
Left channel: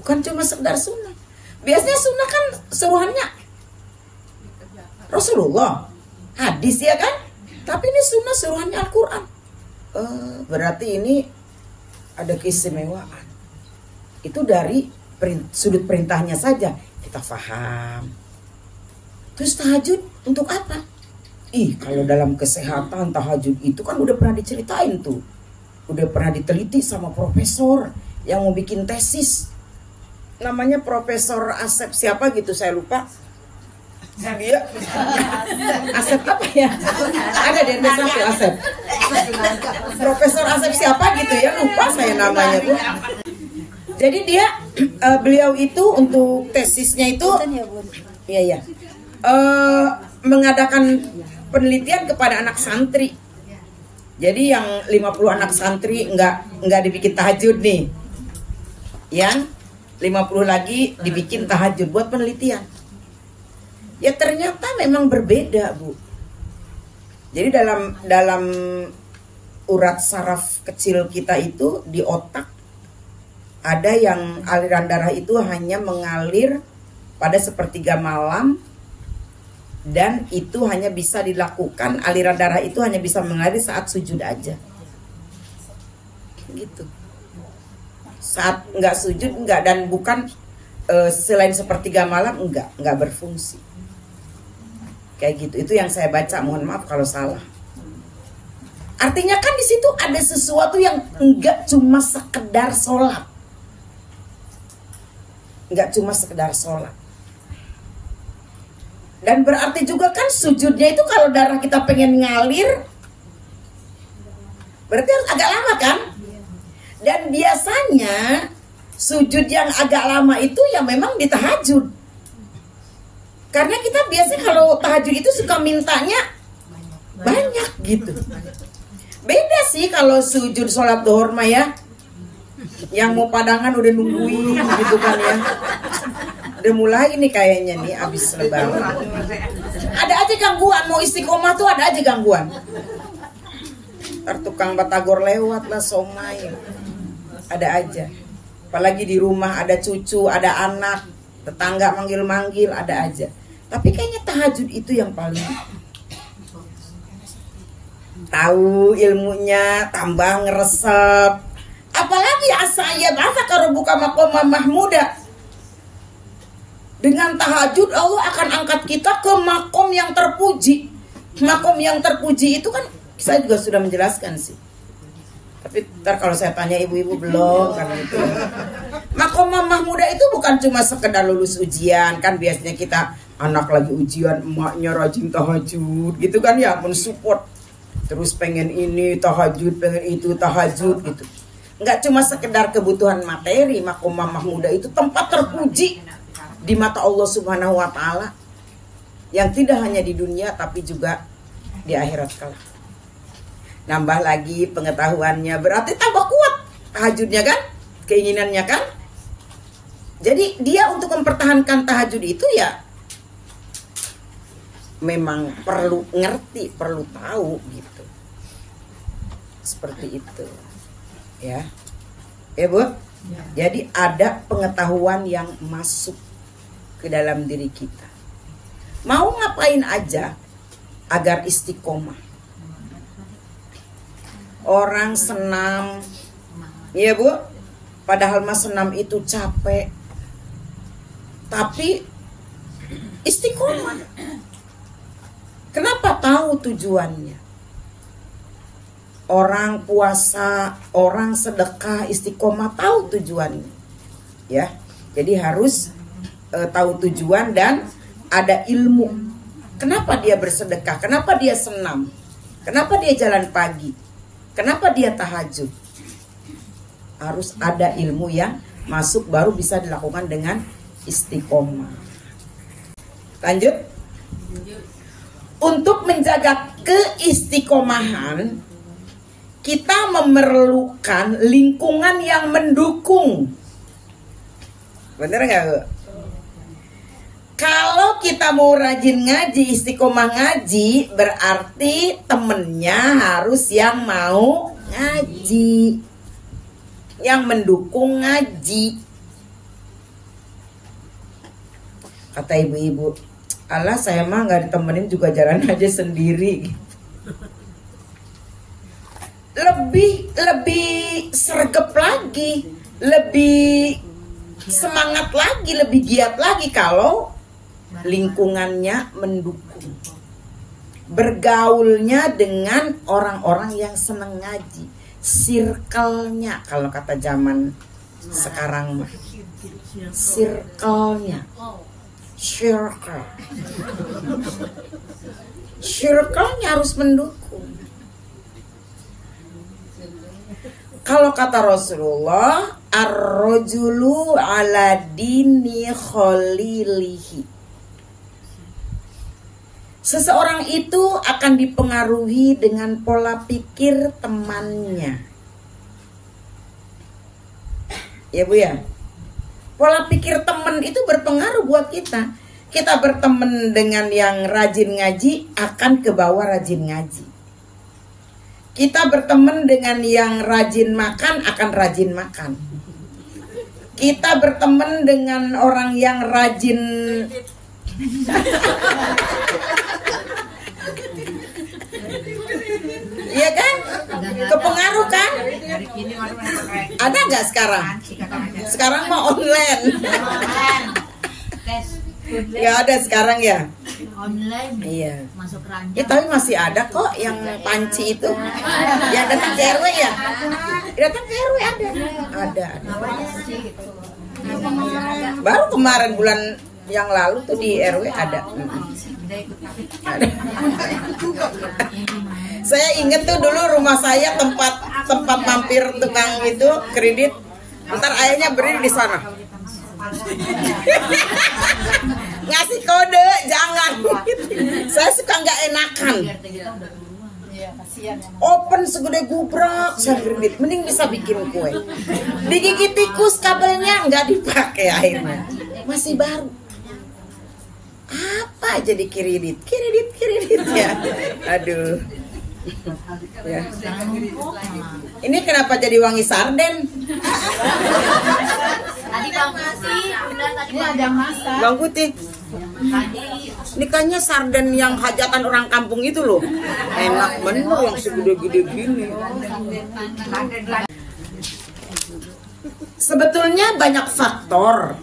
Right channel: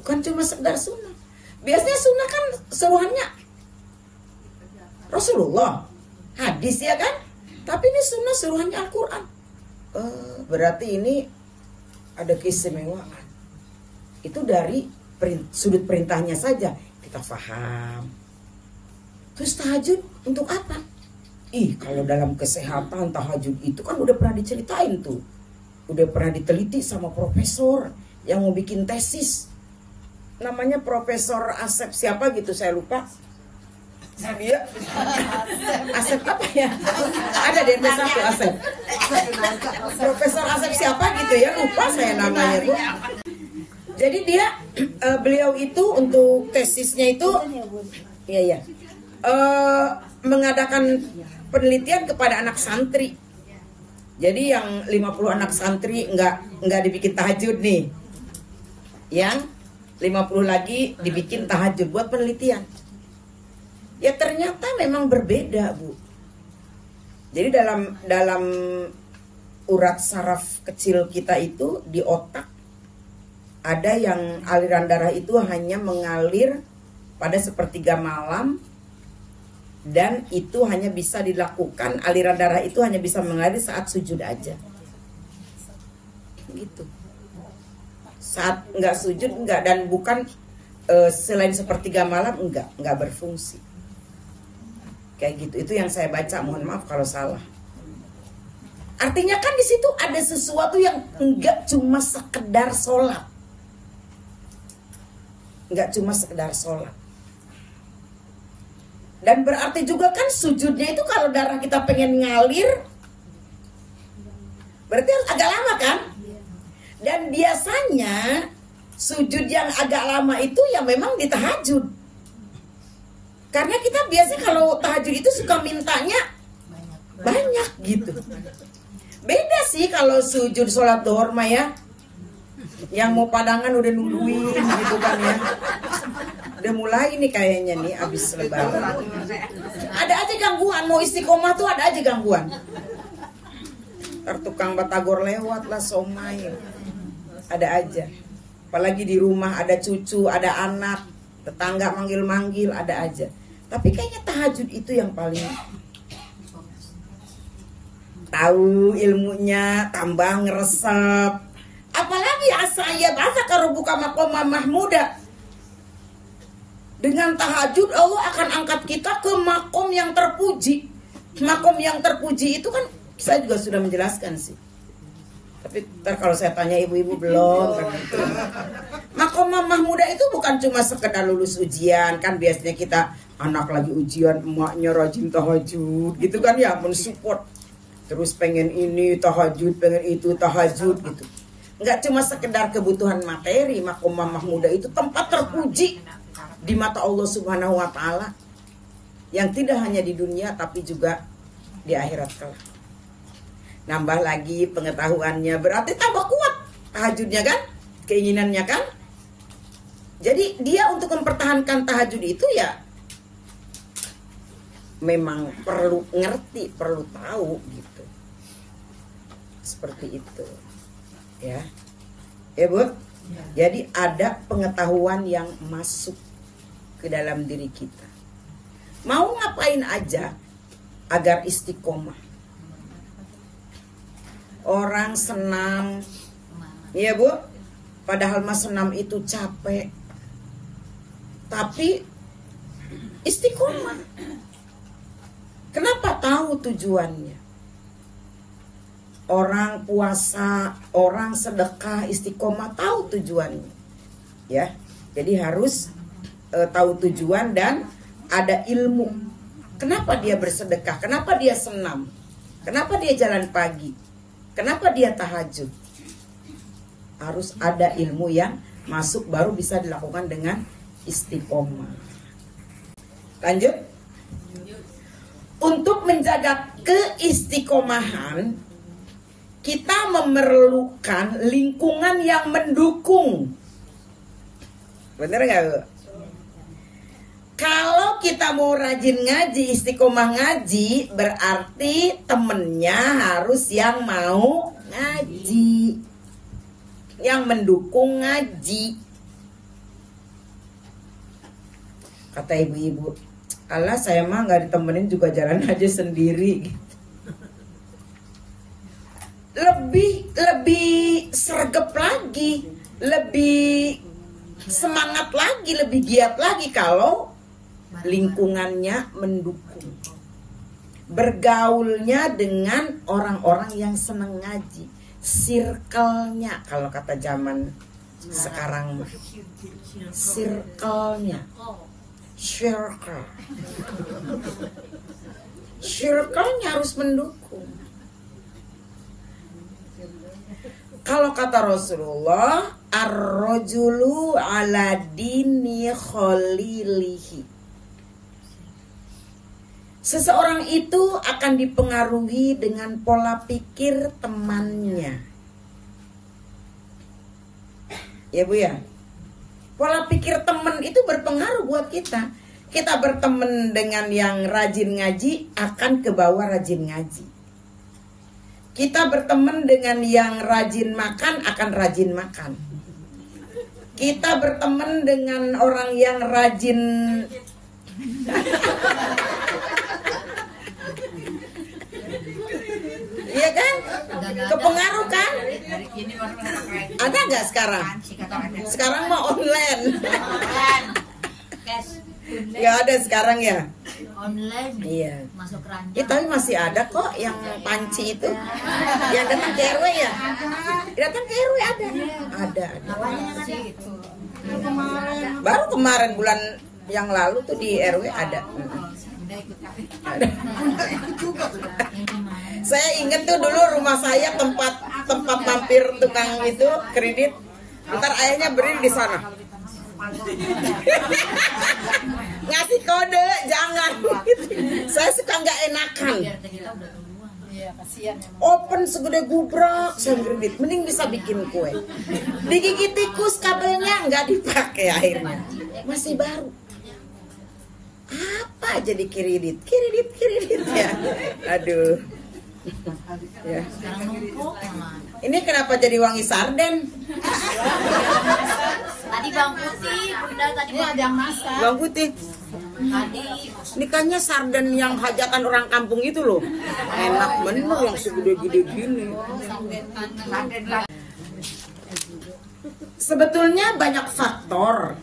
Bukan cuma sekedar sunnah. Biasanya sunnah kan seruannya Rasulullah, hadis ya kan? Tapi ini sunnah seruannya Al-Quran. Berarti ini ada keistimewaan. Itu dari sudut perintahnya saja kita paham. Terus tahajud untuk apa? Kalau dalam kesehatan tahajud itu kan udah pernah diceritain tuh. Udah pernah diteliti sama profesor yang mau bikin tesis. Namanya Profesor Asep siapa gitu, saya lupa. Asep apa ya? Ada di Indonesia tuh Asep. Profesor Asep siapa gitu ya, lupa saya namanya tuh. Jadi dia beliau itu untuk tesisnya itu iya mengadakan penelitian kepada anak santri. Jadi yang 50 anak santri nggak dibikin tahajud nih. Yang 50 lagi dibikin tahajud buat penelitian. Ya ternyata memang berbeda Bu. Jadi dalam urat saraf kecil kita itu di otak, ada yang aliran darah itu hanya mengalir pada sepertiga malam, dan itu hanya bisa dilakukan, aliran darah itu hanya bisa mengalir saat sujud aja gitu. Saat nggak sujud nggak, dan bukan selain sepertiga malam nggak berfungsi kayak gitu. Itu yang saya baca, mohon maaf kalau salah. Artinya kan di situ ada sesuatu yang nggak cuma sekedar sholat, nggak cuma sekedar sholat. Dan berarti juga kan sujudnya itu kalau darah kita pengen ngalir, berarti agak lama kan? Dan biasanya sujud yang agak lama itu ya memang di tahajud. Karena kita biasanya kalau tahajud itu suka mintanya banyak gitu. Beda sih kalau sujud sholat duhur mah ya, yang mau padangan udah nungguin gitu kan ya. Udah mulai nih kayaknya nih abis lebaran. Ada aja gangguan, mau istiqomah tuh ada aja gangguan. Tukang batagor lewat lah, somai. Ada aja. Apalagi di rumah ada cucu, ada anak, tetangga manggil-manggil, ada aja. Tapi kayaknya tahajud itu yang paling tahu ilmunya, tambah ngeresep. Apalagi saya bahasa kalau buka makom Mahmuda. Dengan tahajud Allah akan angkat kita ke makom yang terpuji. Makom yang terpuji itu kan saya juga sudah menjelaskan sih. Tapi ntar kalau saya tanya ibu-ibu belum karena itu. Makom Mahmuda itu bukan cuma sekedar lulus ujian. Kan biasanya kita anak lagi ujian, emaknya rajin tahajud gitu kan ya, mensupport. Terus pengen ini tahajud, pengen itu tahajud gitu. Nggak cuma sekedar kebutuhan materi. Makom Mahmuda itu tempat terpuji di mata Allah Subhanahu wa Ta'ala, yang tidak hanya di dunia tapi juga di akhirat kelak. Nambah lagi pengetahuannya, berarti tambah kuat tahajudnya kan, keinginannya kan. Jadi dia untuk mempertahankan tahajud itu ya memang perlu ngerti, perlu tahu gitu. Seperti itu ya, Bu. Jadi ada pengetahuan yang masuk ke dalam diri kita. Mau ngapain aja agar istiqomah. Orang senam, ya Bu, padahal mas senam itu capek, tapi istiqomah. Kenapa? Tahu tujuannya. Orang puasa, orang sedekah, istiqomah, tahu tujuannya. Ya, jadi harus tahu tujuan dan ada ilmu. Kenapa dia bersedekah? Kenapa dia senam? Kenapa dia jalan pagi? Kenapa dia tahajud? Harus ada ilmu yang masuk, baru bisa dilakukan dengan istiqomah. Lanjut. Untuk menjaga keistiqomahan, kita memerlukan lingkungan yang mendukung. Bener nggak, Bu? Kalau kita mau rajin ngaji, istiqomah ngaji, berarti temennya harus yang mau ngaji, yang mendukung ngaji. Kata ibu-ibu, alah saya mah nggak ditemenin juga jalan aja sendiri. Lebih sergap lagi, lebih semangat lagi, lebih giat lagi kalau lingkungannya mendukung. Bergaulnya dengan orang-orang yang senang ngaji. Circle-nya, kalau kata zaman sekarang mah, circle-nya. Circle-nya harus mendukung. Kalau kata Rasulullah, ar-rajulu ala dini khalilihi. Seseorang itu akan dipengaruhi dengan pola pikir temannya. Ya Bu ya. Pola pikir teman itu berpengaruh buat kita. Kita berteman dengan yang rajin ngaji, akan ke bawah rajin ngaji. Kita berteman dengan yang rajin makan akan rajin makan. Kita berteman dengan orang yang rajin iya kan? Kepengaruh kan? Ada nggak sekarang? Sekarang mau online. Nggak ada sekarang ya? Online. Iya. Masuk ranjang. Ya, tapi masih ada kok yang panci itu. Ya datang ke RW ya? Datang ke RW ada. Ada. Baru kemarin bulan yang lalu tuh di RW ada. Saya inget tuh dulu rumah saya tempat mampir tukang itu kredit. Ntar ayahnya berdiri di sana. Ngasih kode jangan. Saya suka nggak enakan. Open segede gubrak saya kredit. Mending bisa bikin kue. Digigit tikus kabelnya nggak dipakai akhirnya. Masih baru. Apa aja di kredit ya. Aduh. Ya. Ini kenapa jadi wangi sarden? Tadi Bang Putih, benar tadi ada masak. Bang Putih. Ini kayaknya sarden yang hajatan orang kampung itu loh. Enak bener yang segede-gede gini. Sebetulnya banyak faktor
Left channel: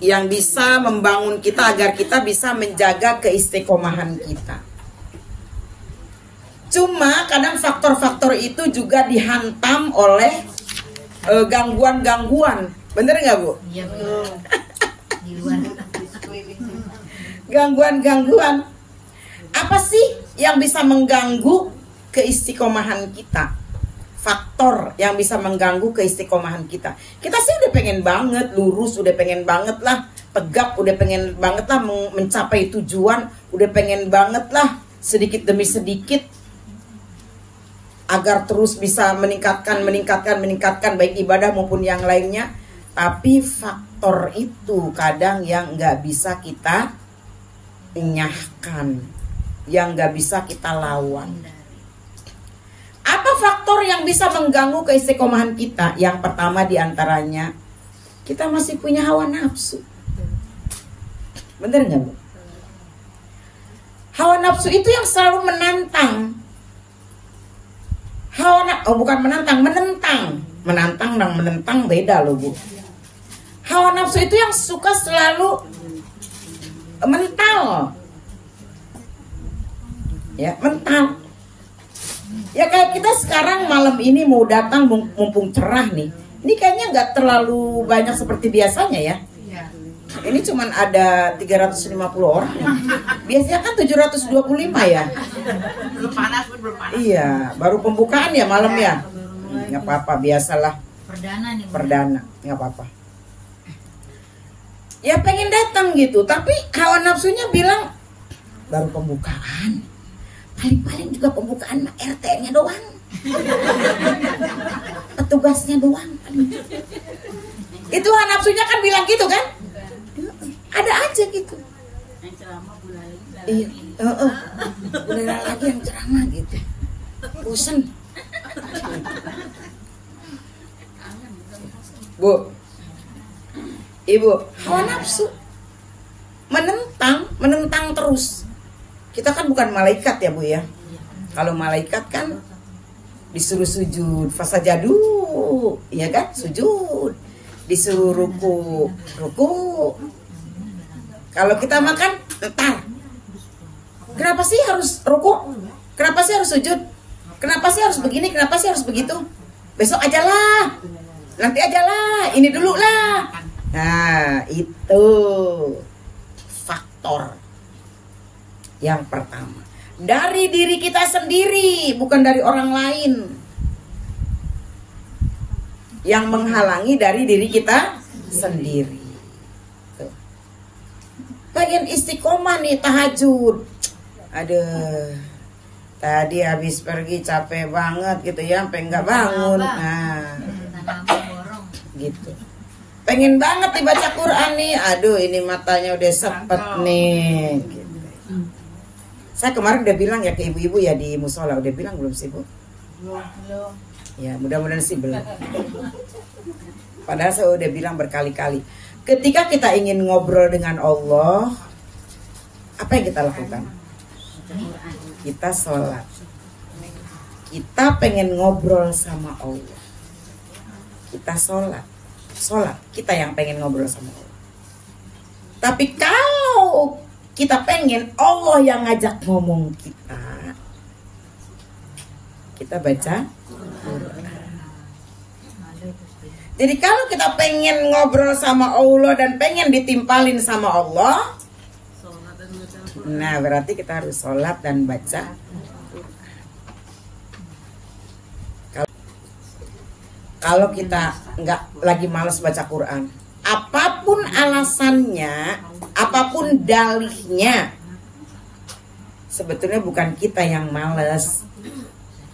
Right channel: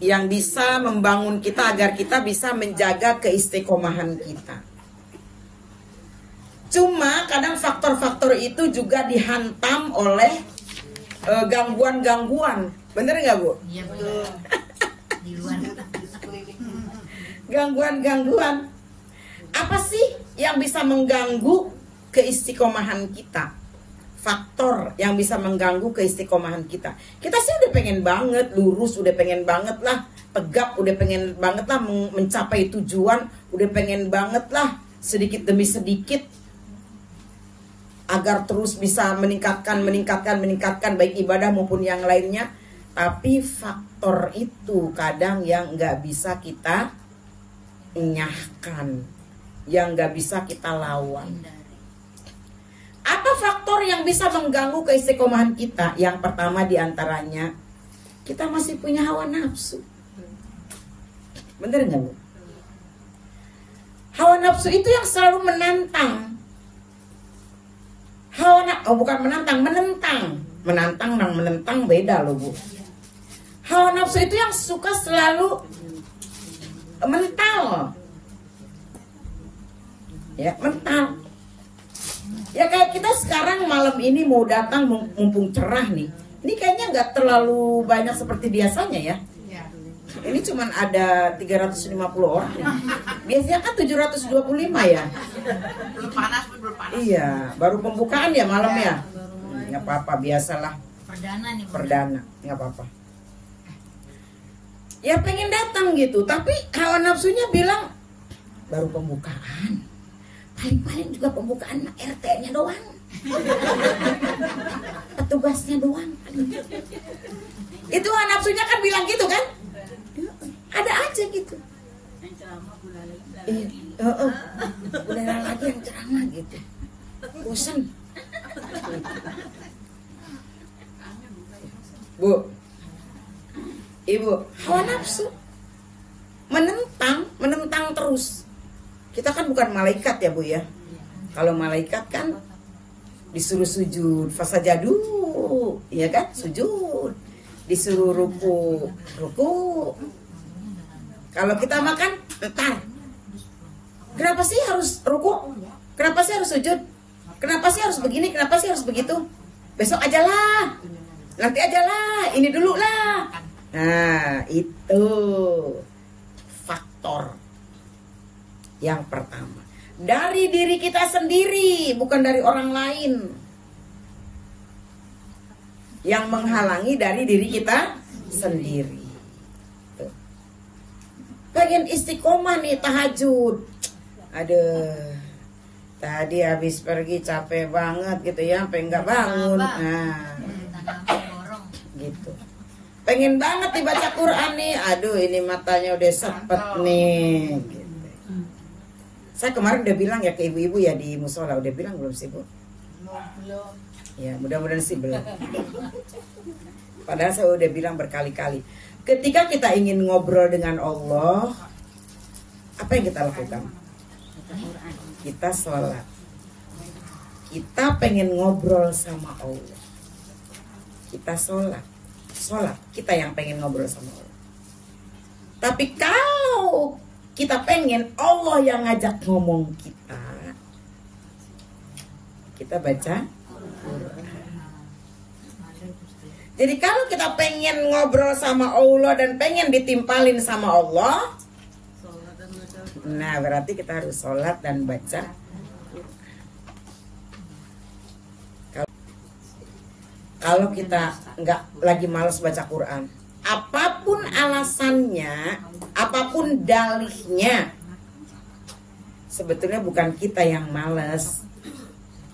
yang bisa membangun kita agar kita bisa menjaga keistiqomahan kita. Cuma kadang faktor-faktor itu juga dihantam oleh gangguan-gangguan. Bener nggak Bu? Iya betul. Di luar. Gangguan-gangguan. Apa sih yang bisa mengganggu keistiqomahan kita? Faktor yang bisa mengganggu keistiqomahan kita. Kita sih udah pengen banget lurus, udah pengen banget lah tegak, udah pengen banget lah mencapai tujuan, udah pengen banget lah sedikit demi sedikit agar terus bisa meningkatkan baik ibadah maupun yang lainnya. Tapi faktor itu kadang yang nggak bisa kita enyahkan, yang nggak bisa kita lawan. Apa faktor yang bisa mengganggu keistiqomahan kita? Yang pertama diantaranya, kita masih punya hawa nafsu. Bener nggak Bu? Hawa nafsu itu yang selalu menantang. Menantang dan menentang beda loh Bu. Hawa nafsu itu yang suka selalu mental. Ya, mental. Ya kayak kita sekarang malam ini mau datang mumpung cerah nih. Ini kayaknya nggak terlalu banyak seperti biasanya ya. Ini cuman ada 350 orang ya. Biasanya kan 725 ya. Belum panas. Iya, baru pembukaan ya malam ya. Nggak apa-apa, biasalah. Perdana, nggak apa-apa. Ya pengen datang gitu, tapi hawa nafsunya bilang baru pembukaan. Paling-paling juga pembukaan RT-nya doang. Petugasnya doang. Itu hawa nafsunya kan bilang gitu kan? Ada aja gitu. Iya, udah lagi yang ceramah gitu. Bosan. Bu, Ibu, hawa nafsu menentang terus. Kita kan bukan malaikat ya Bu ya. Kalau malaikat kan disuruh sujud, fasajadu, ya kan? Sujud. Disuruh ruku. Kalau kita makan, entar. Kenapa sih harus ruku? Kenapa sih harus sujud? Kenapa sih harus begini? Kenapa sih harus begitu? Besok aja lah. Nanti aja lah. Ini dulu lah. Nah, itu faktor yang pertama. Dari diri kita sendiri, bukan dari orang lain. Yang menghalangi dari diri kita sendiri. Bagian istiqomah nih, tahajud. Aduh, tadi habis pergi capek banget gitu ya, sampai nggak bangun. Nah, gitu. Pengen banget dibaca Quran nih. Aduh, ini matanya udah sepet nih. Gitu. Saya kemarin udah bilang ya ke ibu-ibu ya di musola, udah bilang belum sih Bu? Ya mudah-mudahan sih belum. Padahal saya udah bilang berkali-kali, ketika kita ingin ngobrol dengan Allah, apa yang kita lakukan? Kita sholat. Kita pengen ngobrol sama Allah, kita sholat. Sholat, kita yang pengen ngobrol sama Allah. Tapi kalau kita pengen Allah yang ngajak ngomong kita baca. Jadi kalau kita pengen ngobrol sama Allah dan pengen ditimpalin sama Allah, nah berarti kita harus sholat dan baca. Kalau kita nggak lagi malas baca Quran, apapun alasannya, apapun dalihnya, sebetulnya bukan kita yang malas,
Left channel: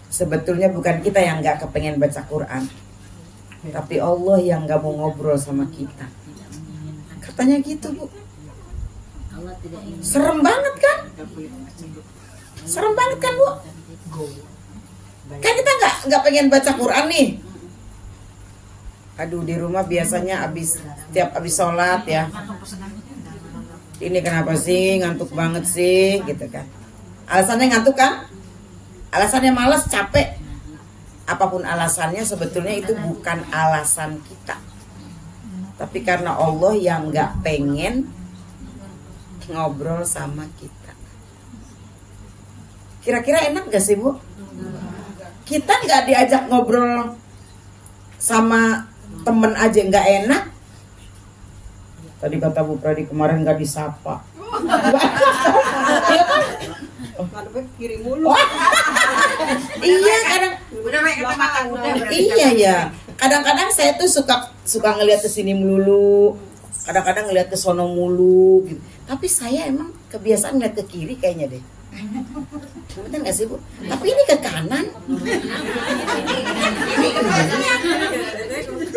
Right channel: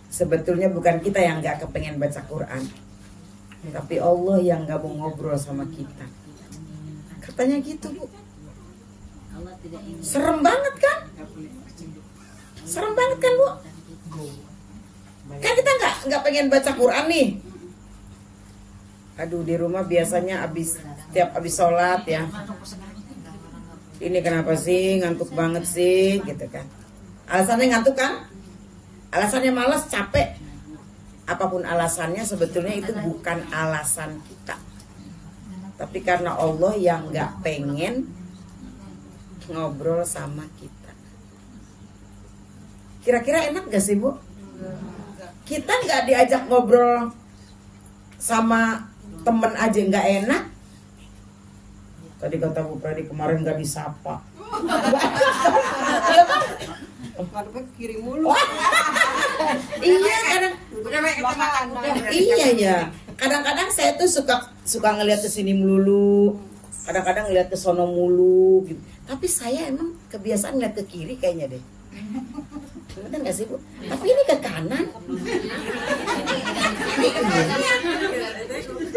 sebetulnya bukan kita yang nggak kepengen baca Quran, tapi Allah yang nggak mau ngobrol sama kita. Katanya gitu, Bu. Serem banget kan? Serem banget kan, Bu? Kan kita nggak pengen baca Quran nih. Aduh, di rumah biasanya tiap abis sholat ya, ini kenapa sih ngantuk banget sih gitu kan. Alasannya ngantuk kan? Alasannya malas, capek. Apapun alasannya sebetulnya itu bukan alasan kita, tapi karena Allah yang nggak pengen ngobrol sama kita. Kira-kira enak gak sih, Bu? Kita nggak diajak ngobrol sama temen aja nggak enak. Tadi kata Bu Pradi kemarin nggak disapa. Iya kan? Kiri mulu. Iya kadang. Iya ya. Kadang-kadang saya tuh suka ngelihat ke sini melulu. Kadang-kadang ngelihat ke sono mulu gitu. Tapi saya emang kebiasaan ngeliat ke kiri kayaknya deh. Bener gak sih, Bu? Tapi ini ke kanan.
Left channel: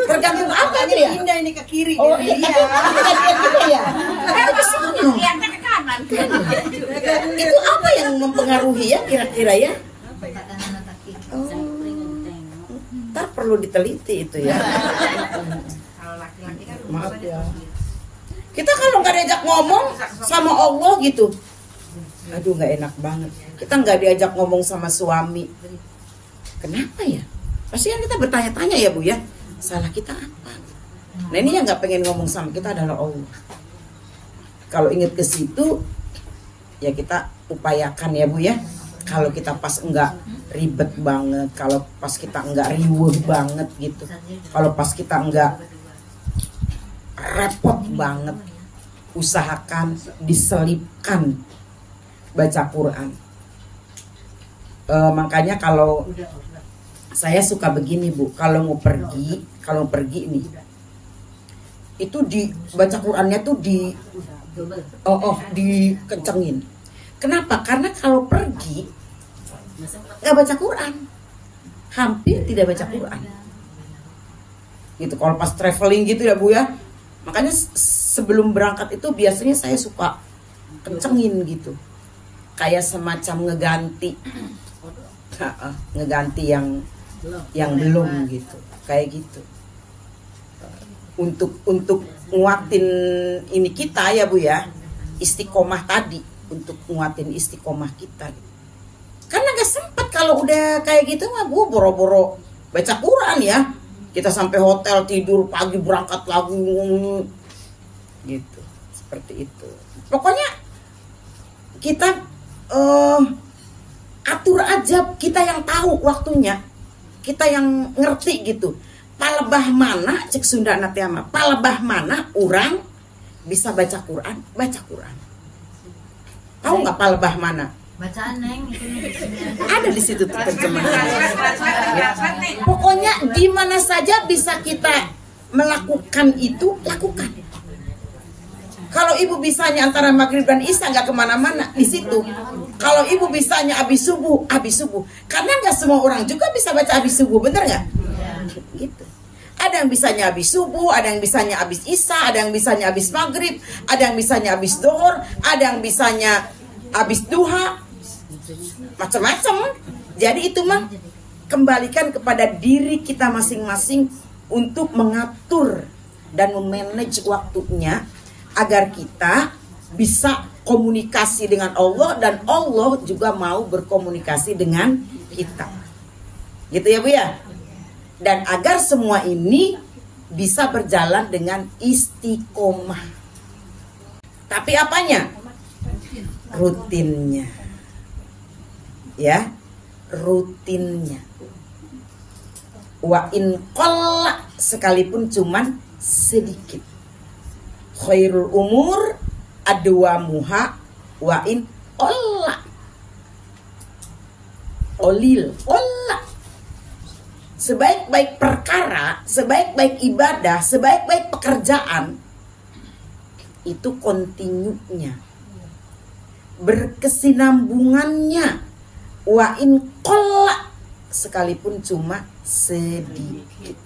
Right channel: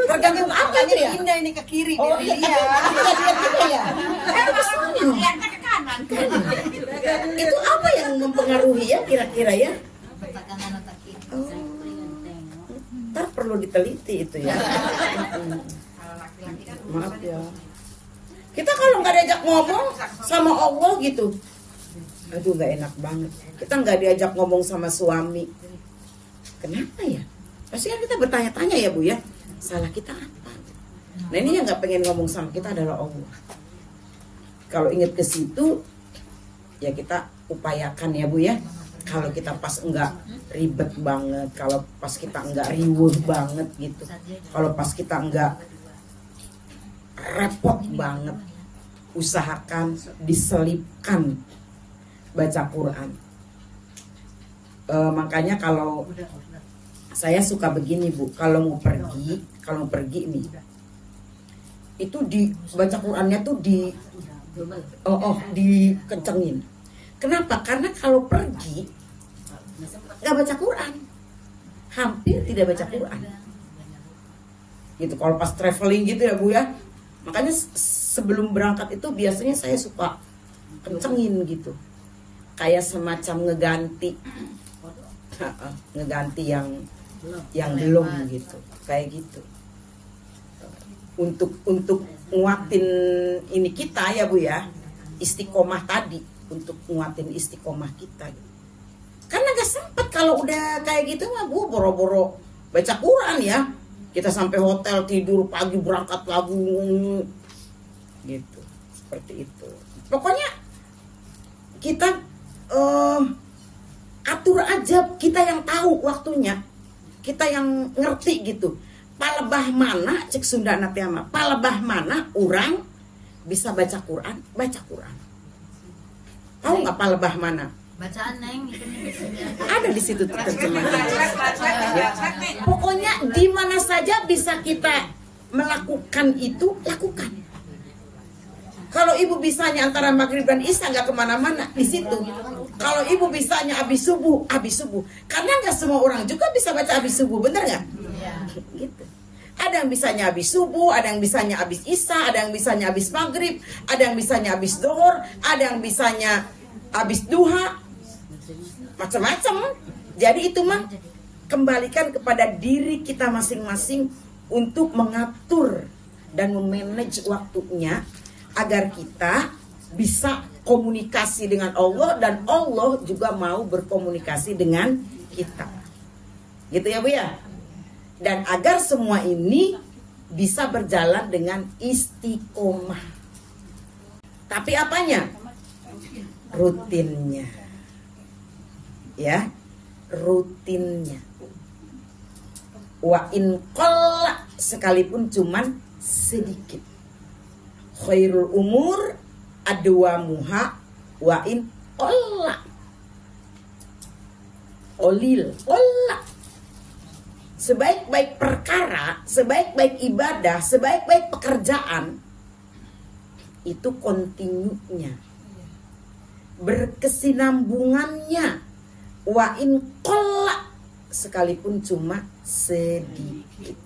Tergantung apa nih ya? Pindah ini ke kiri. Oh iya. Iya ya. Ke kanan. Itu apa yang mempengaruhi ya kira-kira ya? Ntar perlu diteliti itu ya. Maaf ya. Kita kalau nggak diajak ngomong sama Allah gitu, aduh nggak enak banget. Kita nggak diajak ngomong sama suami, kenapa ya? Pasti kan kita bertanya-tanya ya, Bu ya, salah kita apa? Nah ini yang nggak pengen ngomong sama kita adalah Allah. Kalau ingat ke situ, ya kita upayakan ya, Bu ya. Kalau kita pas nggak ribet banget, kalau pas kita nggak riweh banget gitu, kalau pas kita nggak repot banget, usahakan diselipkan baca Quran. Makanya kalau saya suka begini, Bu, kalau mau pergi nih, itu di baca Qurannya tuh dikencengin. Kenapa? Karena kalau pergi nggak baca Quran, hampir tidak baca Quran. Gitu. Kalau pas traveling gitu ya, Bu ya. Makanya sebelum berangkat itu biasanya saya suka kencengin gitu, kayak semacam ngeganti yang belum gitu, kayak gitu, untuk nguatin ini kita ya, Bu ya, istiqomah tadi, untuk nguatin istiqomah kita. Karena gak sempet kalau udah kayak gitu mah, Bu, boro-boro baca Quran ya. Kita sampai hotel tidur, pagi berangkat lagi gitu, seperti itu. Pokoknya kita atur aja, kita yang tahu waktunya, kita yang ngerti gitu. Palebah mana cek Sunda natiama, palebah mana orang bisa baca Quran, baca Quran. Tahu nggak palebah mana? Bacaan Neng Ada di situ terjemahan. Ya. Pokoknya di mana saja bisa kita melakukan itu, lakukan. Kalau ibu bisanya antara maghrib dan isya nggak kemana-mana di situ. Kalau ibu bisanya abis subuh, abis subuh. Karena nggak semua orang juga bisa baca abis subuh, bener nggak? Gitu. Ada yang bisanya abis subuh, ada yang bisanya abis isya, ada yang bisanya abis maghrib, ada yang bisanya abis dohor, ada yang bisanya abis duha, macam-macam. Jadi itu mah kembalikan kepada diri kita masing-masing untuk mengatur dan memanage waktunya agar kita bisa komunikasi dengan Allah dan Allah juga mau berkomunikasi dengan kita. Gitu ya Bu ya? Dan agar semua ini bisa berjalan dengan istiqomah. Tapi apanya? Rutinnya. Ya, rutinnya. Wa in qalla, sekalipun cuman sedikit. Khairul umur adwamuha wa in qalla. Olil, qalla. Sebaik-baik perkara, sebaik-baik ibadah, sebaik-baik pekerjaan itu kontinunya, berkesinambungannya. Wa in qalla, sekalipun cuma sedikit.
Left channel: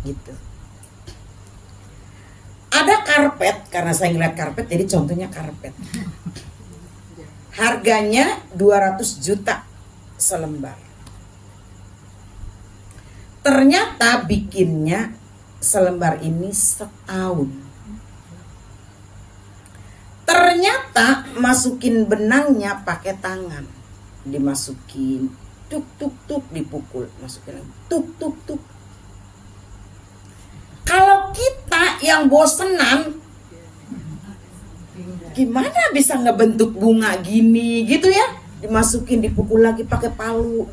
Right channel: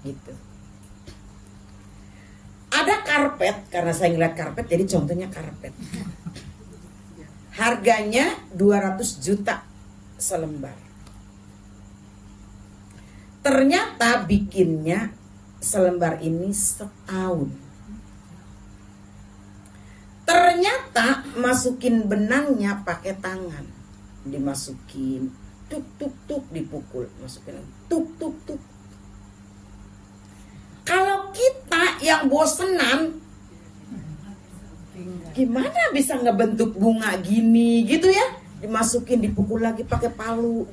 Gitu. Ada karpet, karena saya ngeliat karpet jadi contohnya karpet. Harganya 200 juta selembar. Ternyata bikinnya selembar ini setahun. Ternyata masukin benangnya pakai tangan. Dimasukin, tuk tuk tuk, dipukul, masukin lagi, tuk tuk tuk. Kalau kita yang bosenan, gimana bisa ngebentuk bunga gini gitu ya? Dimasukin, dipukul lagi pakai palu.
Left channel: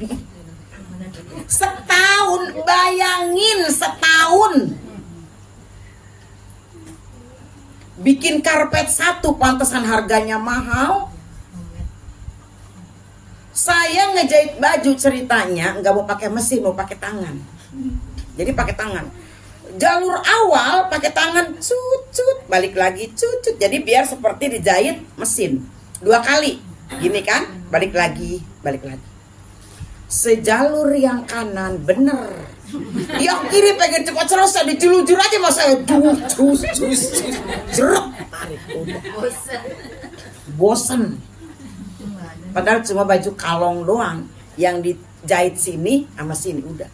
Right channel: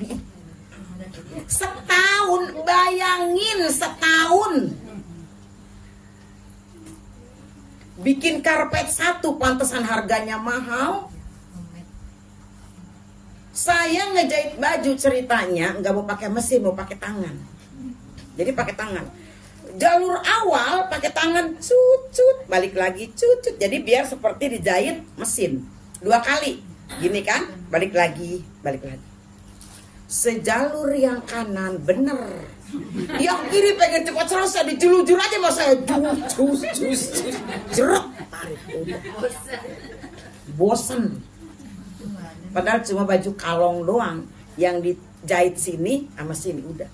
Setahun, bayangin setahun. Bikin karpet satu pantesan harganya mahal. Saya ngejahit baju ceritanya nggak mau pakai mesin, mau pakai tangan. Jadi pakai tangan. Jalur awal pakai tangan, cucut, balik lagi cucut. Jadi biar seperti dijahit mesin 2 kali. Gini kan, balik lagi, balik lagi. Sejalur yang kanan bener, yang kiri pengen cepat selesai, dijulur-julur aja mas saya bosen. Padahal cuma baju kalong doang yang dijahit sini sama sini udah.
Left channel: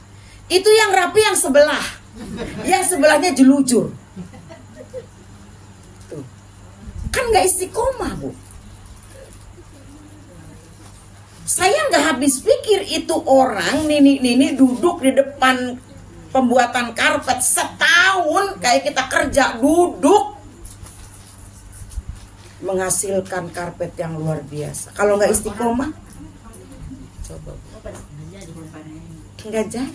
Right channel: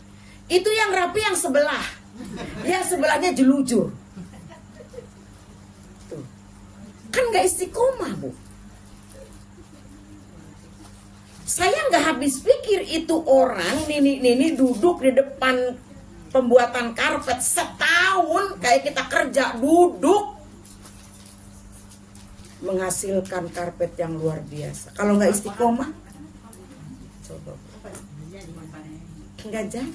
Itu yang rapi yang sebelah, yang sebelahnya jelujur. Kan nggak istiqomah Bu. Saya nggak habis pikir itu orang Nini duduk di depan pembuatan karpet setahun kayak kita kerja duduk menghasilkan karpet yang luar biasa. Kalau nggak istiqomah, nggak jadi.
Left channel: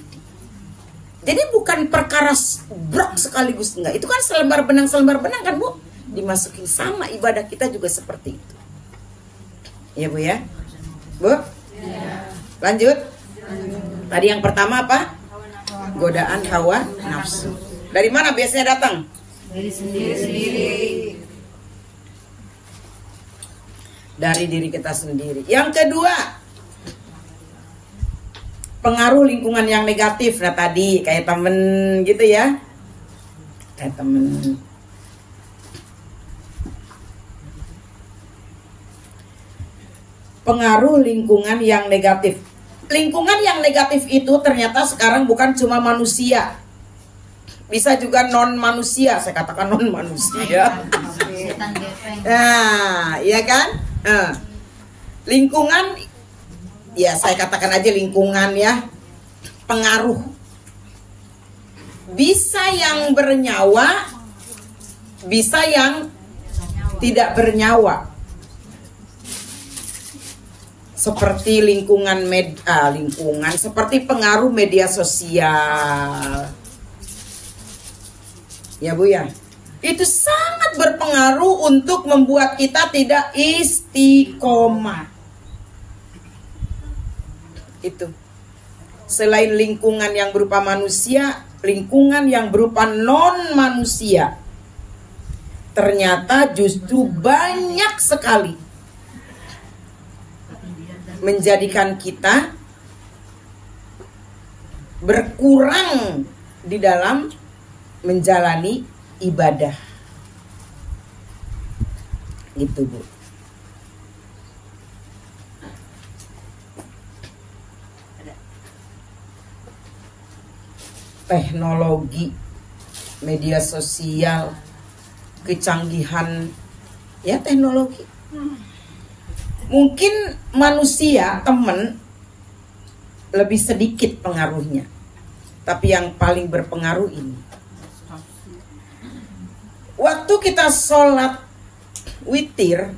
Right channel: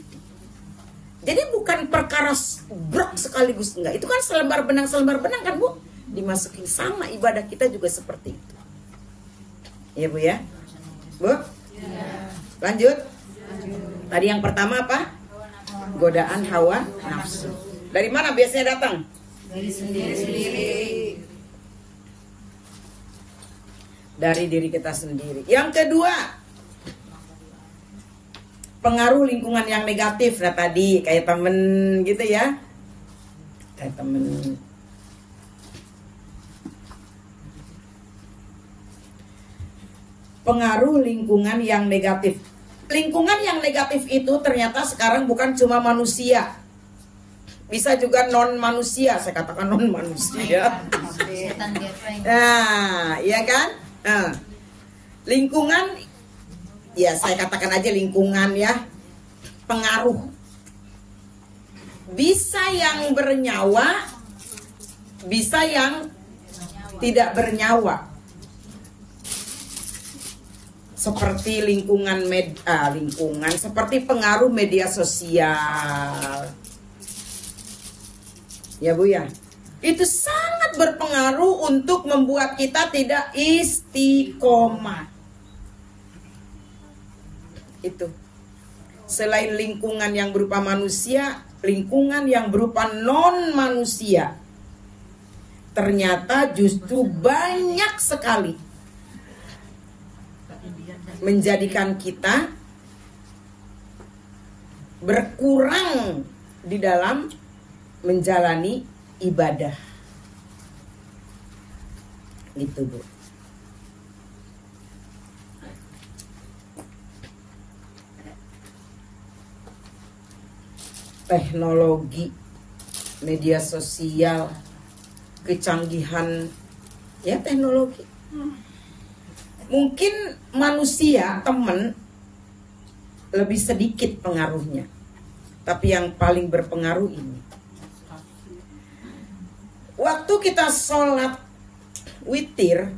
Jadi bukan perkara brok sekaligus enggak. Itu kan selembar benang kan Bu, dimasukin sama ibadah kita juga seperti itu. Ya Bu ya. Bu, lanjut. Tadi yang pertama apa? Godaan hawa nafsu. Dari mana biasanya datang? Dari sendiri. Dari diri kita sendiri. Yang kedua, pengaruh lingkungan yang negatif. Nah tadi kayak temen gitu ya, kayak temen. Pengaruh lingkungan yang negatif. Lingkungan yang negatif itu ternyata sekarang bukan cuma manusia, bisa juga non manusia. Saya katakan non manusia. Nah, iya kan? Lingkungan, ya saya katakan aja lingkungan ya. Pengaruh. Bisa yang bernyawa, bisa yang tidak bernyawa. Seperti lingkungan seperti pengaruh media sosial. Ya Bu ya. Itu sangat berpengaruh untuk membuat kita tidak istiqomah. Itu. Selain lingkungan yang berupa manusia, lingkungan yang berupa non manusia. Ternyata justru banyak sekali menjadikan kita berkurang di dalam menjalani ibadah. Gitu Bu. Ada teknologi, media sosial, kecanggihan ya teknologi. Mungkin manusia temen lebih sedikit pengaruhnya, tapi yang paling berpengaruh ini. Waktu kita sholat witir,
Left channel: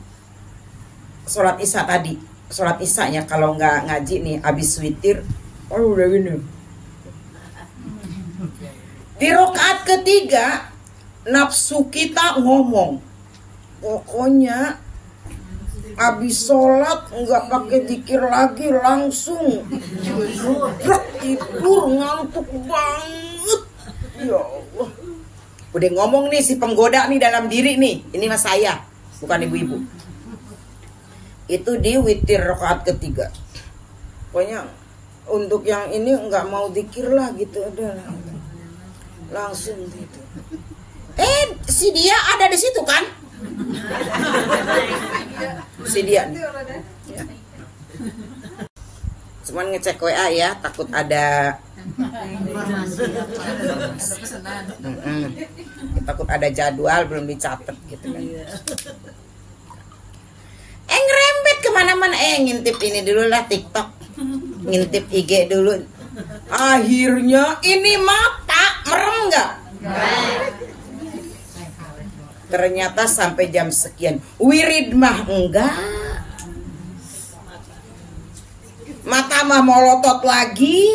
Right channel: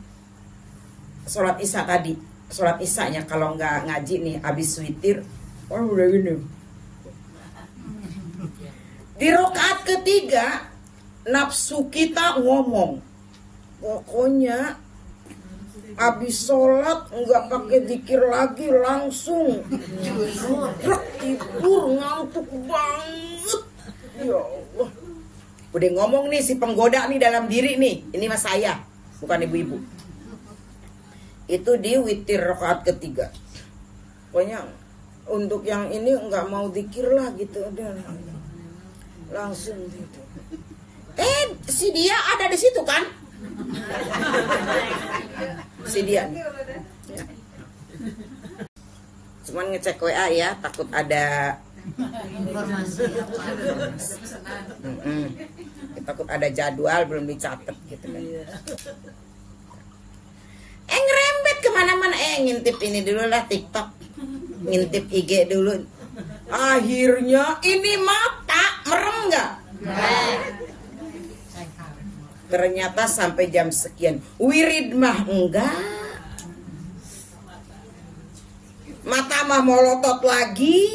sholat isya tadi, sholat isya ya kalau nggak ngaji nih, habis witir, oh udah gini. Di rakaat ketiga, nafsu kita ngomong, pokoknya habis sholat nggak pakai zikir lagi, langsung tidur ngantuk banget. Ya Allah. Udah ngomong nih si penggoda nih dalam diri nih, ini mas saya, bukan ibu-ibu. Itu di witir rakaat ketiga. Pokoknya untuk yang ini nggak mau zikir lah gitu, udah langsung gitu. Si dia ada di situ kan? Si dia. Ya. Cuman ngecek WA ya, takut ada Informasi. takut ada jadwal belum dicatat gitu. Ngerembet kemana-mana, ngintip ini dulu lah TikTok, ngintip IG dulu. Akhirnya ini mata merem nggak? Ternyata sampai jam sekian. Wirid mah enggak. Mata mah melotot lagi.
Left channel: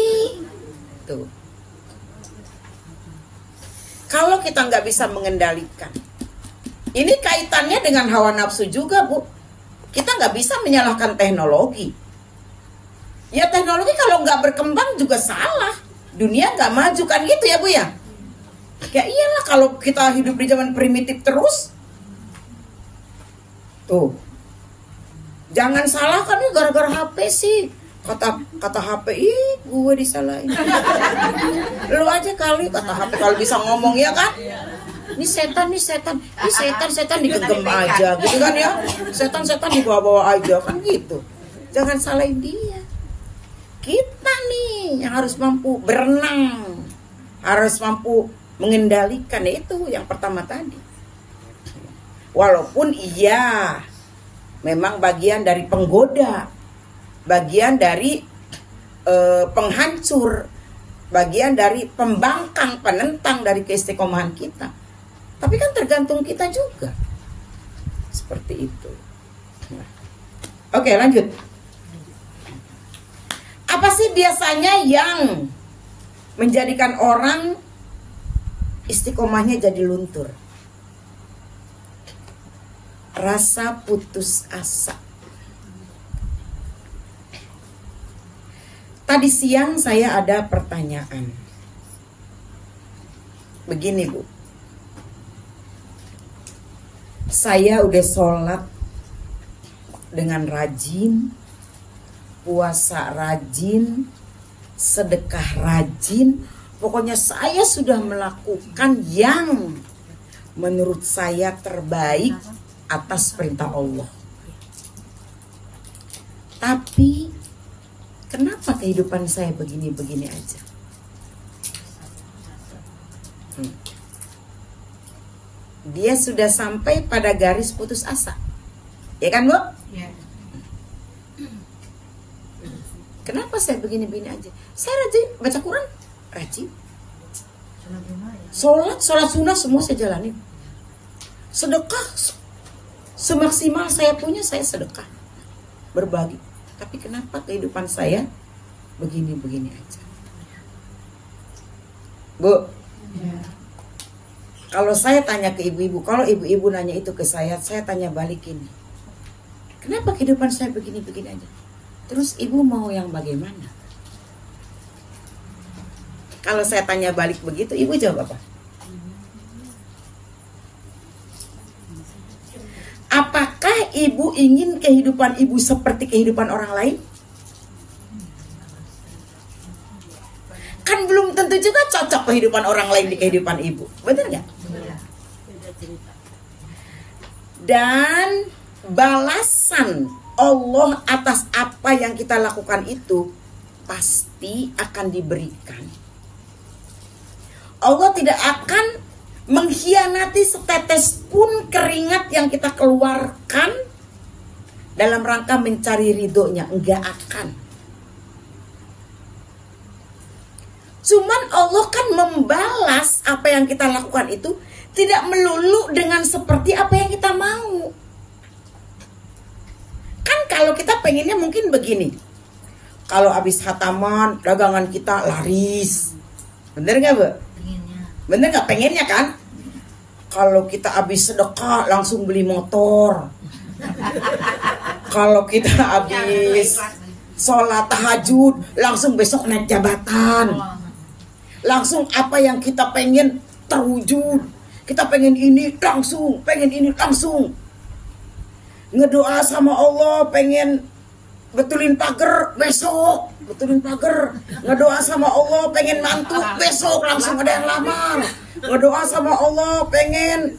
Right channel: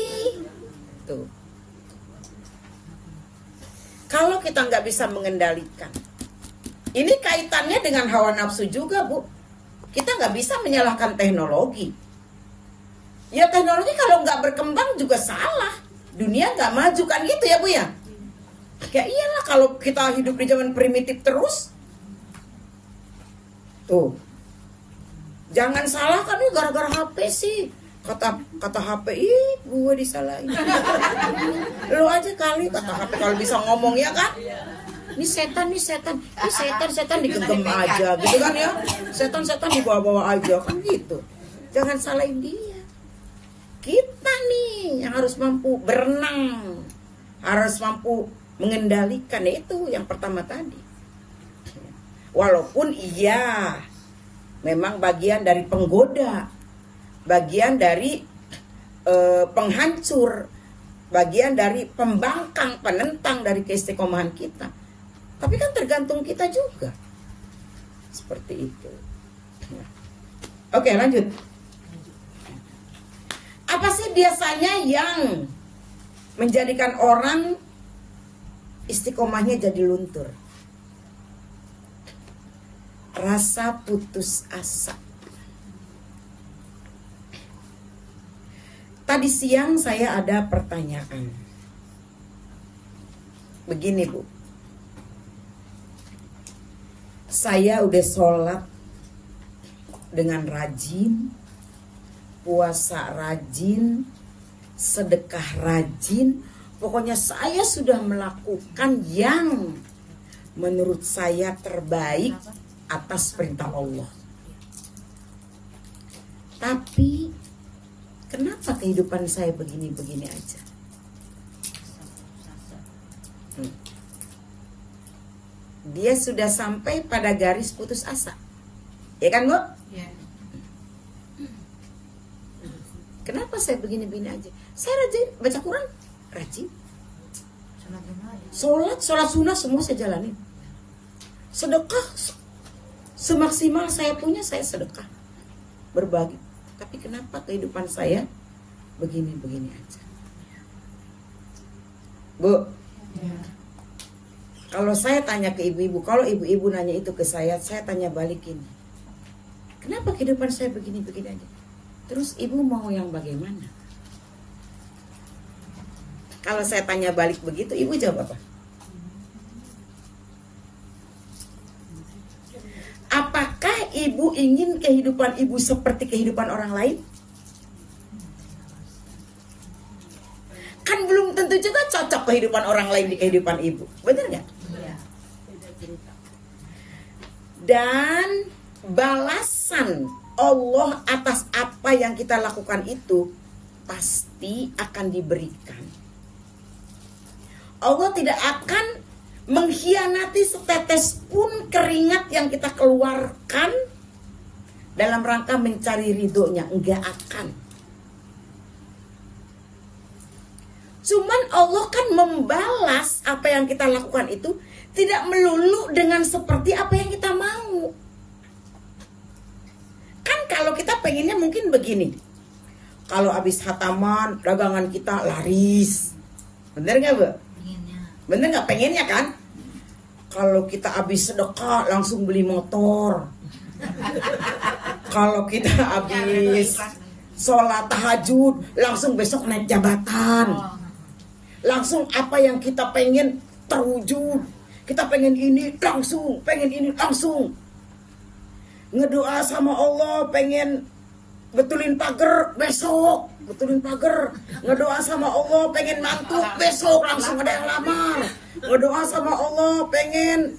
Tuh. Kalau kita nggak bisa mengendalikan, ini kaitannya dengan hawa nafsu juga, Bu. Kita nggak bisa menyalahkan teknologi. Ya teknologi kalau nggak berkembang juga salah. Dunia nggak maju kan gitu ya, Bu ya? Ya iyalah kalau kita hidup di zaman primitif terus. Tuh. Jangan salahkan nih gara-gara HP sih. Kata HP, gue disalahin. Lu aja kali kata HP kalau bisa ngomong ya kan? Ini setan digegem aja gitu kan ya. Setan dibawa-bawa aja kan gitu. Jangan salahin dia. Kita nih yang harus mampu berenang. Harus mampu mengendalikan, itu yang pertama tadi. Walaupun iya memang bagian dari penggoda, bagian dari penghancur, bagian dari pembangkang, penentang dari keistiqomahan kita. Tapi kan tergantung kita juga. Seperti itu. Oke, lanjut. Apa sih biasanya yang menjadikan orang istiqomahnya jadi luntur? Rasa putus asa. Tadi siang saya ada pertanyaan. Begini, Bu. Saya udah sholat dengan rajin, puasa rajin, sedekah rajin. Pokoknya saya sudah melakukan yang menurut saya terbaik atas perintah Allah. Tapi kenapa kehidupan saya begini-begini aja? Dia sudah sampai pada garis putus asa. Ya kan, Bu? Ya. Kenapa saya begini-begini aja? Saya rajin baca Quran, rajin. Sholat sunnah semua saya jalanin. Sedekah semaksimal saya punya, saya sedekah, berbagi. Tapi kenapa kehidupan saya begini-begini aja? Bu, ya. Kalau saya tanya ke ibu-ibu, kalau ibu-ibu nanya itu ke saya tanya balik ini. Kenapa kehidupan saya begini-begini aja? Terus ibu mau yang bagaimana? Kalau saya tanya balik begitu, ibu jawab apa? Apakah ibu ingin kehidupan ibu seperti kehidupan orang lain? Kan belum tentu juga cocok kehidupan orang lain di kehidupan ibu. Benar nggak? Dan balasan Allah atas apa yang kita lakukan itu pasti akan diberikan. Allah tidak akan mengkhianati setetes pun keringat yang kita keluarkan dalam rangka mencari ridhonya. Enggak akan. Cuman Allah kan membalas apa yang kita lakukan itu tidak melulu dengan seperti apa yang kita mau. Kan kalau kita pengennya mungkin begini. Kalau habis khataman, dagangan kita laris. Bener gak, Bu? Bener gak? Pengennya kan? Kalau kita habis sedekah langsung beli motor. Kalau kita habis sholat tahajud langsung besok naik jabatan. Langsung apa yang kita pengen terwujud. Kita pengen ini langsung, pengen ini langsung. Ngedoa sama Allah pengen betulin pagar besok, betulin pagar. Ngedoa sama Allah pengen mantu besok langsung ada yang lamar. Ngedoa sama Allah pengen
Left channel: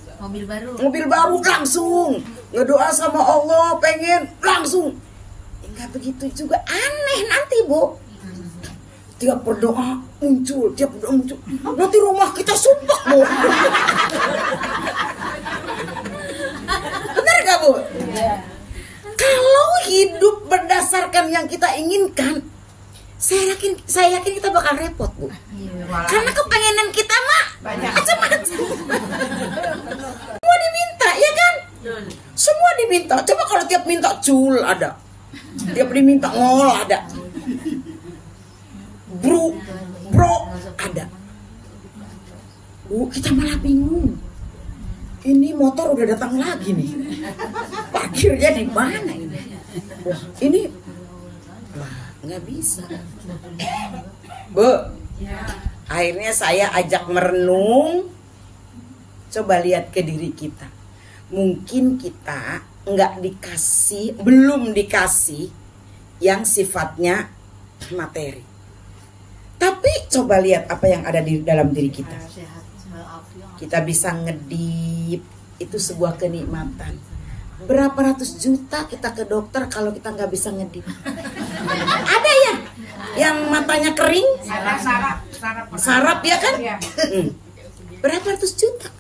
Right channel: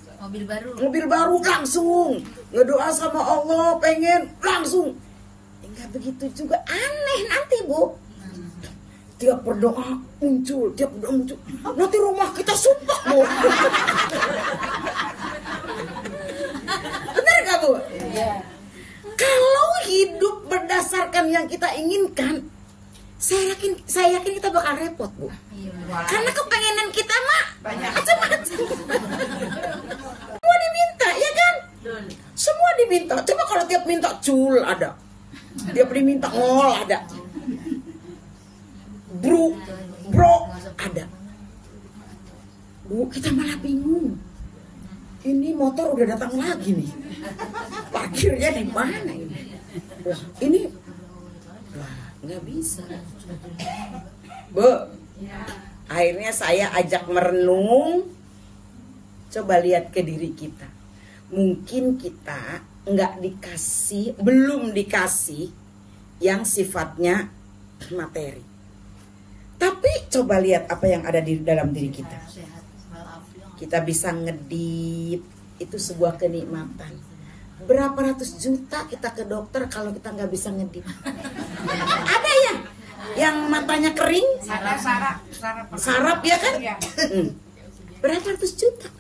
mobil baru langsung. Ngedoa sama Allah pengen langsung. Enggak begitu juga, aneh nanti, Bu. Tiap berdoa muncul, tiap berdoa muncul. Nanti rumah kita sumpah, Bu. Benar gak, Bu? Kalau hidup berdasarkan yang kita inginkan, saya yakin kita bakal repot, Bu. Karena kepengenan kita mah macam-macam. Semua diminta, ya kan? Semua diminta. Coba kalau tiap minta cul ada, tiap diminta ngol ada, bro ada. Bu, kita malah bingung. Ini motor udah datang lagi nih. Parkirnya di mana ini? Ini nggak bisa. Bu, akhirnya saya ajak merenung. Coba lihat ke diri kita. Mungkin kita nggak dikasih, belum dikasih yang sifatnya materi. Tapi coba lihat apa yang ada di dalam diri kita. Kita bisa ngedip, itu sebuah kenikmatan. Berapa ratus juta kita ke dokter kalau kita nggak bisa ngedip? Ada ya yang matanya kering, sarap ya kan? Berapa ratus juta?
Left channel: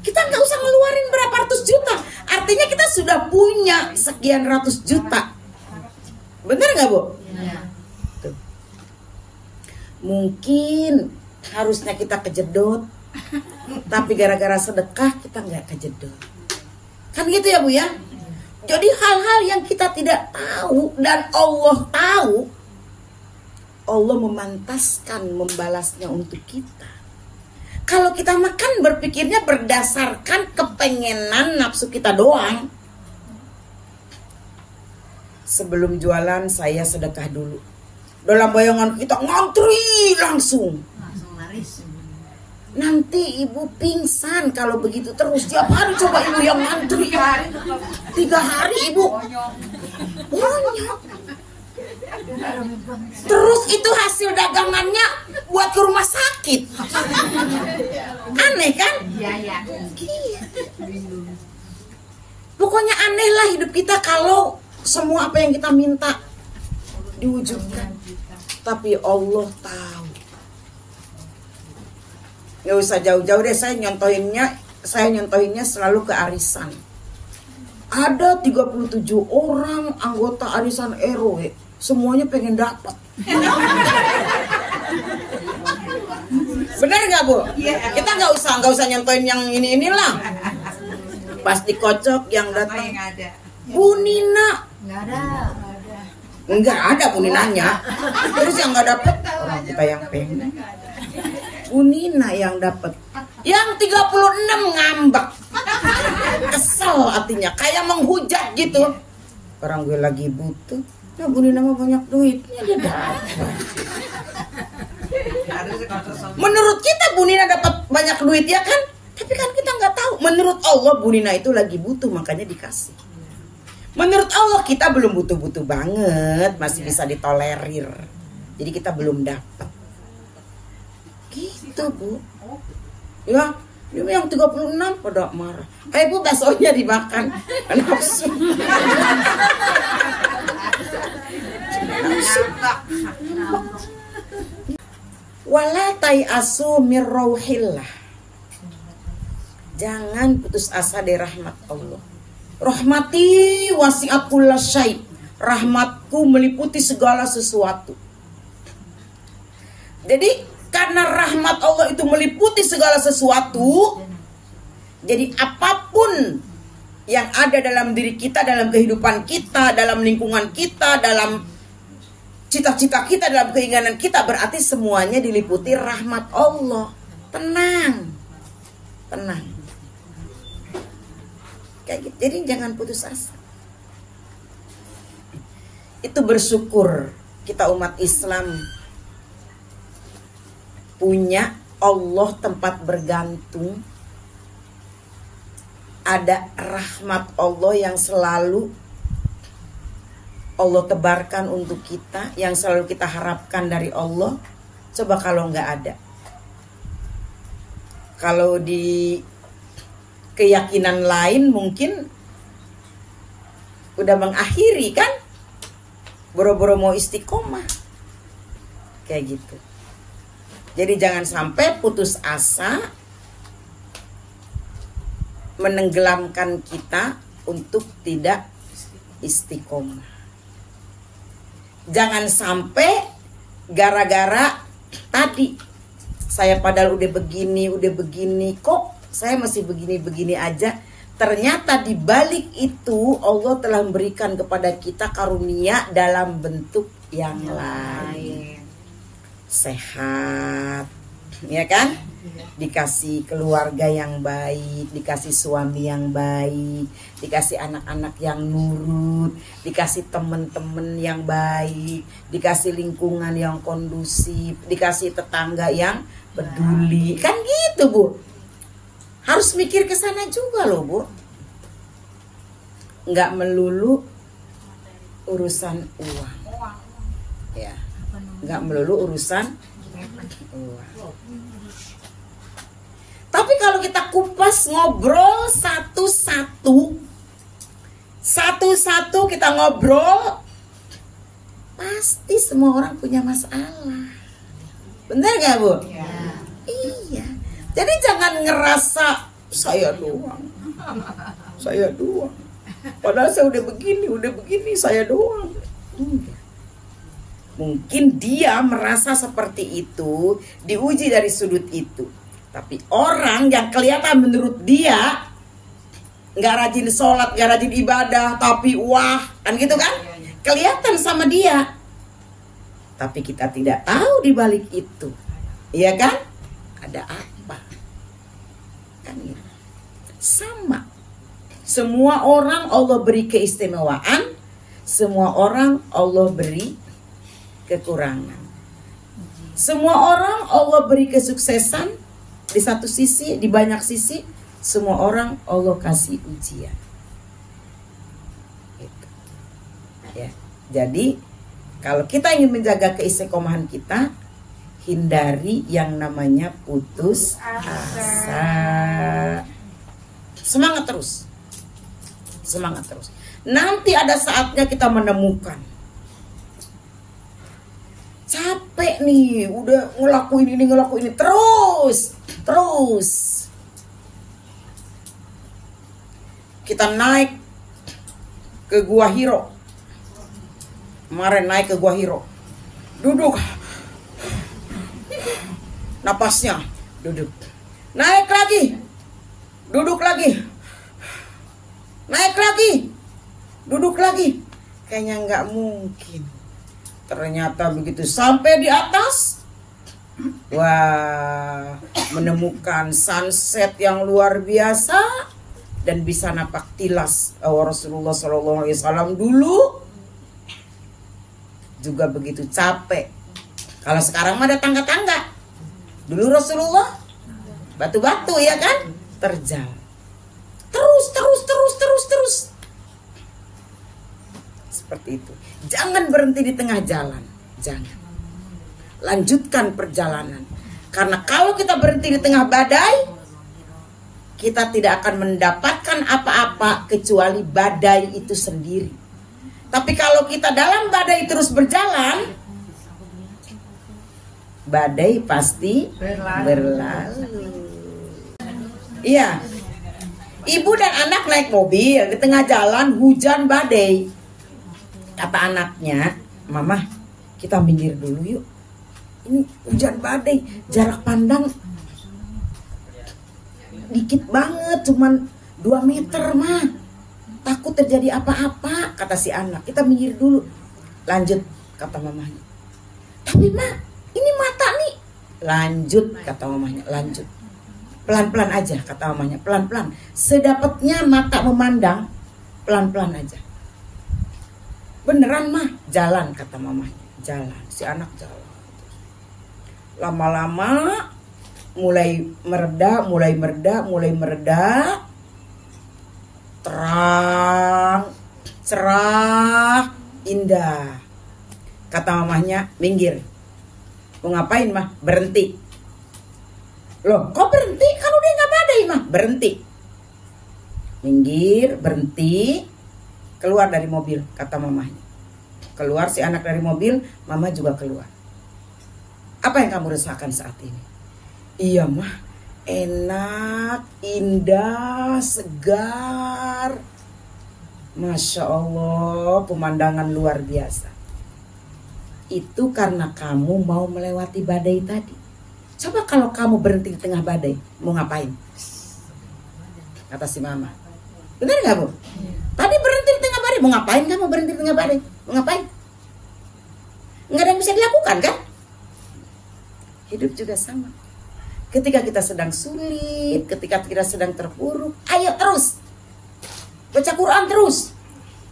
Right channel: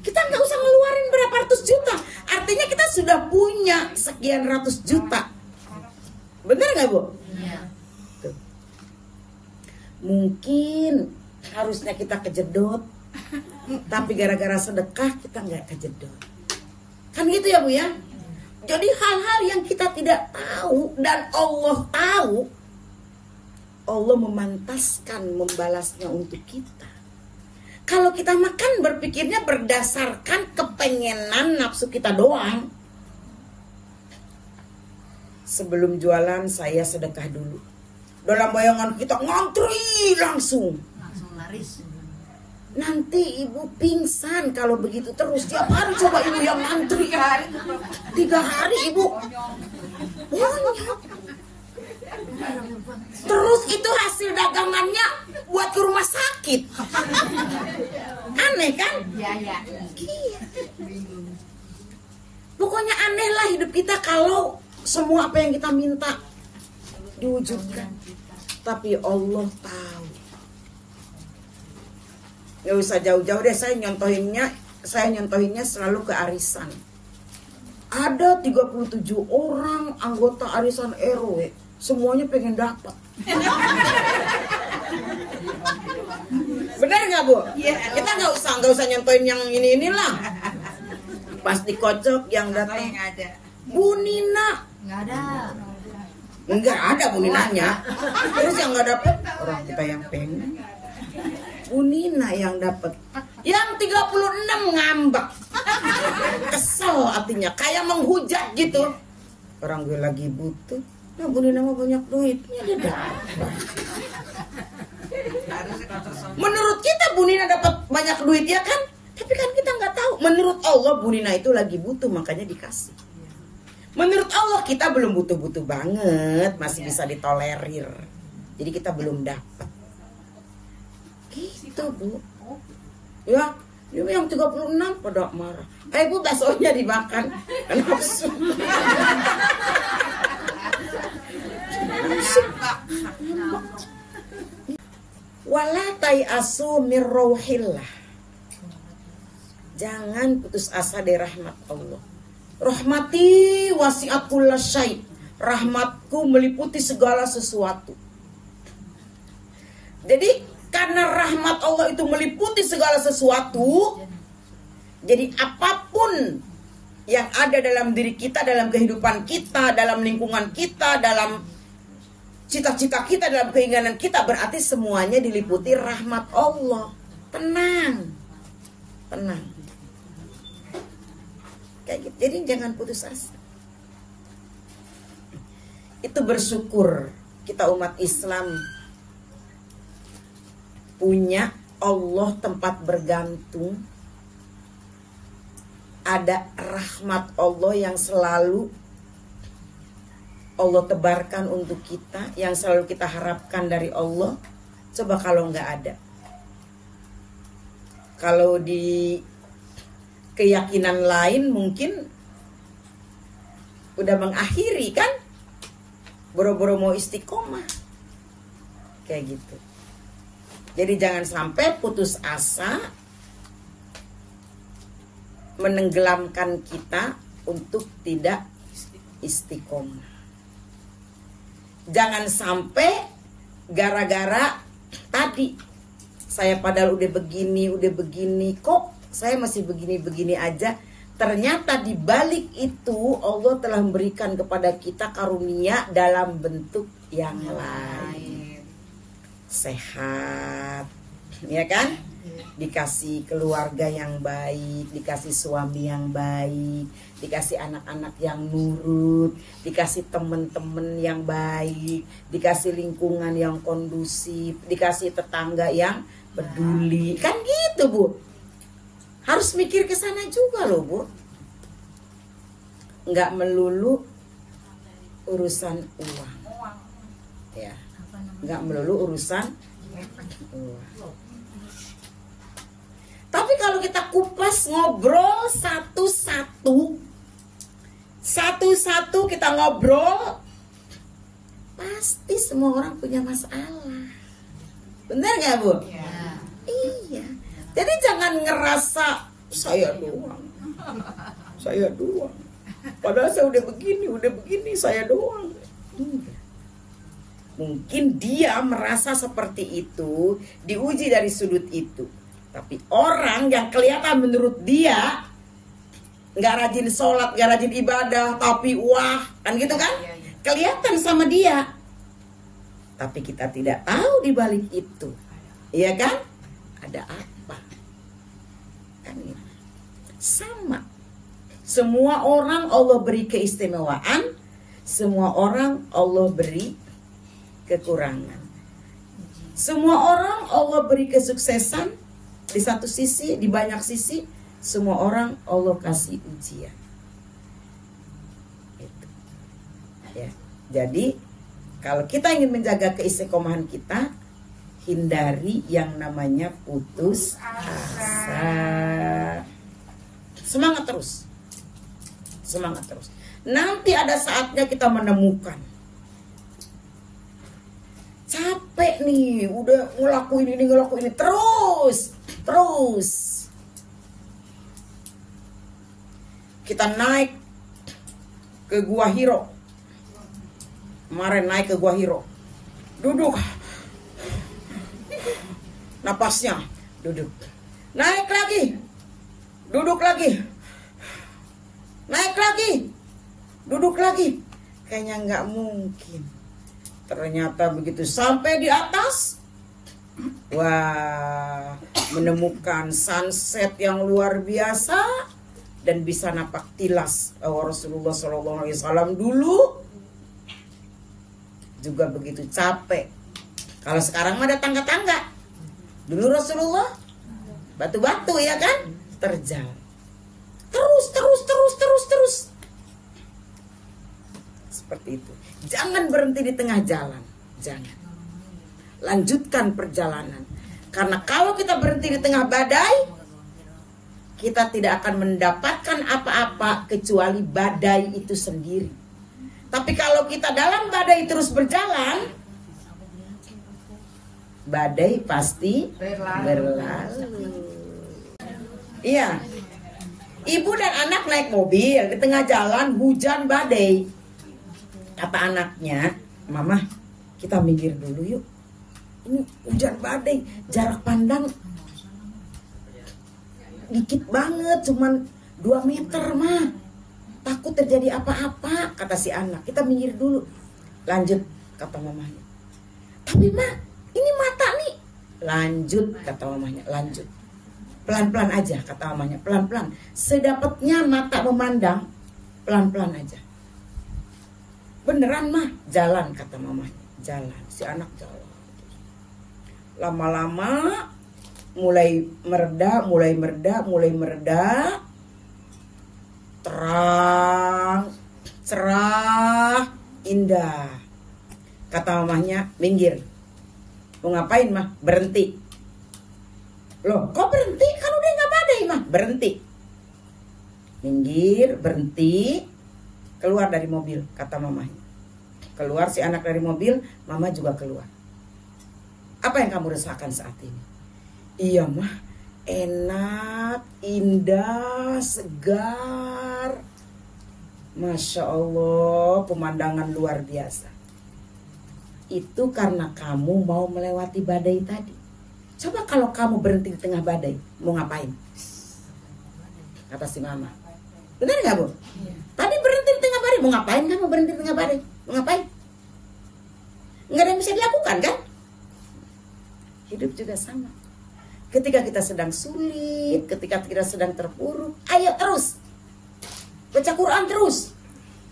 Kita nggak usah ngeluarin berapa ratus juta. Artinya kita sudah punya sekian ratus juta. Bener nggak, Bu? Mungkin harusnya kita kejedot, tapi gara-gara sedekah kita nggak kejedot. Kan gitu ya, Bu ya? Jadi hal-hal yang kita tidak tahu dan Allah tahu, Allah memantaskan membalasnya untuk kita. Kalau kita makan berpikirnya berdasarkan kepengenan nafsu kita doang. Sebelum jualan saya sedekah dulu. Dalam bayangan kita ngantri langsung laris. Nanti ibu pingsan kalau begitu terus. Tiap hari coba ibu yang ngantri. 3 hari ibu bonyok. Terus itu hasil dagangannya buat ke rumah sakit. Aneh kan? Pokoknya aneh lah hidup kita kalau semua apa yang kita minta diwujudkan. Tapi Allah tahu. Gak usah jauh-jauh deh, saya nyontohinnya selalu ke arisan. Ada 37 orang anggota arisan RW. Semuanya pengen dapat. Benar nggak, Bu? Kita nggak usah nyontohin yang inilah. Pasti kocok yang datang. Bu Nina. Nggak ada Bu Ninanya. Terus yang nggak dapet orang kita yang pengen. Bu Nina yang dapet. Yang 36 ngambek. Kesel artinya, kayak menghujat gitu. Orang gue lagi butuh. Nah, Bu Nina mah banyak duitnya dia dapat. Menurut kita Bu Nina dapat banyak duit ya kan? Tapi kan kita nggak tahu. Menurut Allah Bu Nina itu lagi butuh makanya dikasih. Menurut Allah kita belum butuh-butuh banget, masih bisa ditolerir. Jadi kita belum dapat. Gitu, Bu. Ya, yang 36 pada marah. Ayo Bu, baksonya dimakan. Nafsu. Wala tayasu mir rauhillah. Jangan putus asa dari rahmat Allah. Rahmati wasi'at kullasyai. Rahmatku meliputi segala sesuatu. Jadi karena rahmat Allah itu meliputi segala sesuatu, jadi apapun yang ada dalam diri kita, dalam kehidupan kita, dalam lingkungan kita, dalam cita-cita kita, dalam keinginan kita, berarti semuanya diliputi rahmat Allah. Tenang. Tenang. Kayak gitu. Jadi jangan putus asa. Itu bersyukur kita umat Islam punya Allah tempat bergantung. Ada rahmat Allah yang selalu Allah tebarkan untuk kita, yang selalu kita harapkan dari Allah. Coba kalau nggak ada, kalau di keyakinan lain mungkin udah mengakhiri kan, boro-boro mau istiqomah kayak gitu. Jadi jangan sampai putus asa menenggelamkan kita untuk tidak istiqomah. Jangan sampai gara-gara tadi saya padahal udah begini kok saya masih begini aja. Ternyata di balik itu Allah telah memberikan kepada kita karunia dalam bentuk yang lain. Sehat, ya kan? Dikasih keluarga yang baik, dikasih suami yang baik, dikasih anak-anak yang nurut, dikasih teman-teman yang baik, dikasih lingkungan yang kondusif, dikasih tetangga yang peduli. Kan gitu, Bu. Harus mikir ke sana juga loh, Bu. Nggak melulu urusan uang. Ya. Nggak melulu urusan uang. Tapi kalau kita kupas ngobrol satu-satu kita ngobrol, pasti semua orang punya masalah. Bener gak, Bu? Ya. Iya. Jadi jangan ngerasa saya doang. Padahal saya udah begini, saya doang. Mungkin dia merasa seperti itu, diuji dari sudut itu. Tapi orang yang kelihatan menurut dia nggak rajin sholat, nggak rajin ibadah, tapi wah, kan gitu kan? Kelihatan sama dia. Tapi kita tidak tahu di balik itu, iya kan? Ada apa? Kan gitu. Sama. Semua orang Allah beri keistimewaan, semua orang Allah beri kekurangan. Semua orang Allah beri kesuksesan. Di satu sisi, di banyak sisi, semua orang Allah kasih ujian. Gitu. Ya. Jadi, kalau kita ingin menjaga keistiqomahan kita, hindari yang namanya putus asa. Semangat terus. Nanti ada saatnya kita menemukan. Capek nih, udah ngelakuin ini terus. Kita naik ke Gua Hiro. Kemarin naik ke Gua Hiro. Duduk. Napasnya duduk. Naik lagi. Duduk lagi. Naik lagi. Duduk lagi. Kayaknya nggak mungkin. Ternyata begitu sampai di atas, wah, menemukan sunset yang luar biasa dan bisa napak tilas Rasulullah SAW dulu juga begitu capek. Kalau sekarang mah ada tangga-tangga. Dulu Rasulullah batu-batu ya kan, terjal. Terus. Seperti itu. Jangan berhenti di tengah jalan. Jangan. Lanjutkan perjalanan. Karena kalau kita berhenti di tengah badai, kita tidak akan mendapatkan apa-apa kecuali badai itu sendiri. Tapi kalau kita dalam badai terus berjalan, badai pasti berlalu. Iya. Ibu dan anak naik mobil di tengah jalan hujan badai. Kata anaknya, "Mama, kita minggir dulu yuk. Ini hujan badai, jarak pandang dikit banget, cuman 2 meter mah. Takut terjadi apa-apa," kata si anak. "Kita minggir dulu." Lanjut, kata mamanya. "Tapi mak, ini mata nih." Lanjut, kata mamanya. Lanjut. Pelan-pelan aja, kata mamanya. Pelan-pelan. Sedapatnya mata memandang, pelan-pelan aja. "Beneran mah?" "Jalan," kata mamanya. Jalan. Si anak jalan. Lama-lama mulai mereda. Terang, cerah, indah. Kata mamanya, "Minggir." "Mau ngapain mah?" "Berhenti." "Loh, kok berhenti? Kan udah nggak badai mah." "Berhenti." Minggir, berhenti, keluar dari mobil, kata mamanya. Keluar si anak dari mobil, mama juga keluar. "Apa yang kamu rasakan saat ini?" "Iya mah, enak, indah, segar. Masya Allah, pemandangan luar biasa." "Itu karena kamu mau melewati badai tadi. Coba kalau kamu berhenti di tengah badai, mau ngapain?" Kata si mama. Benar nggak Bu? Tadi berhenti di tengah badai, mau ngapain kamu berhenti di tengah badai? Mau ngapain? Nggak ada yang bisa dilakukan kan? Hidup juga sama. Ketika kita sedang sulit, ketika kita sedang terpuruk, ayo terus. Baca Quran terus.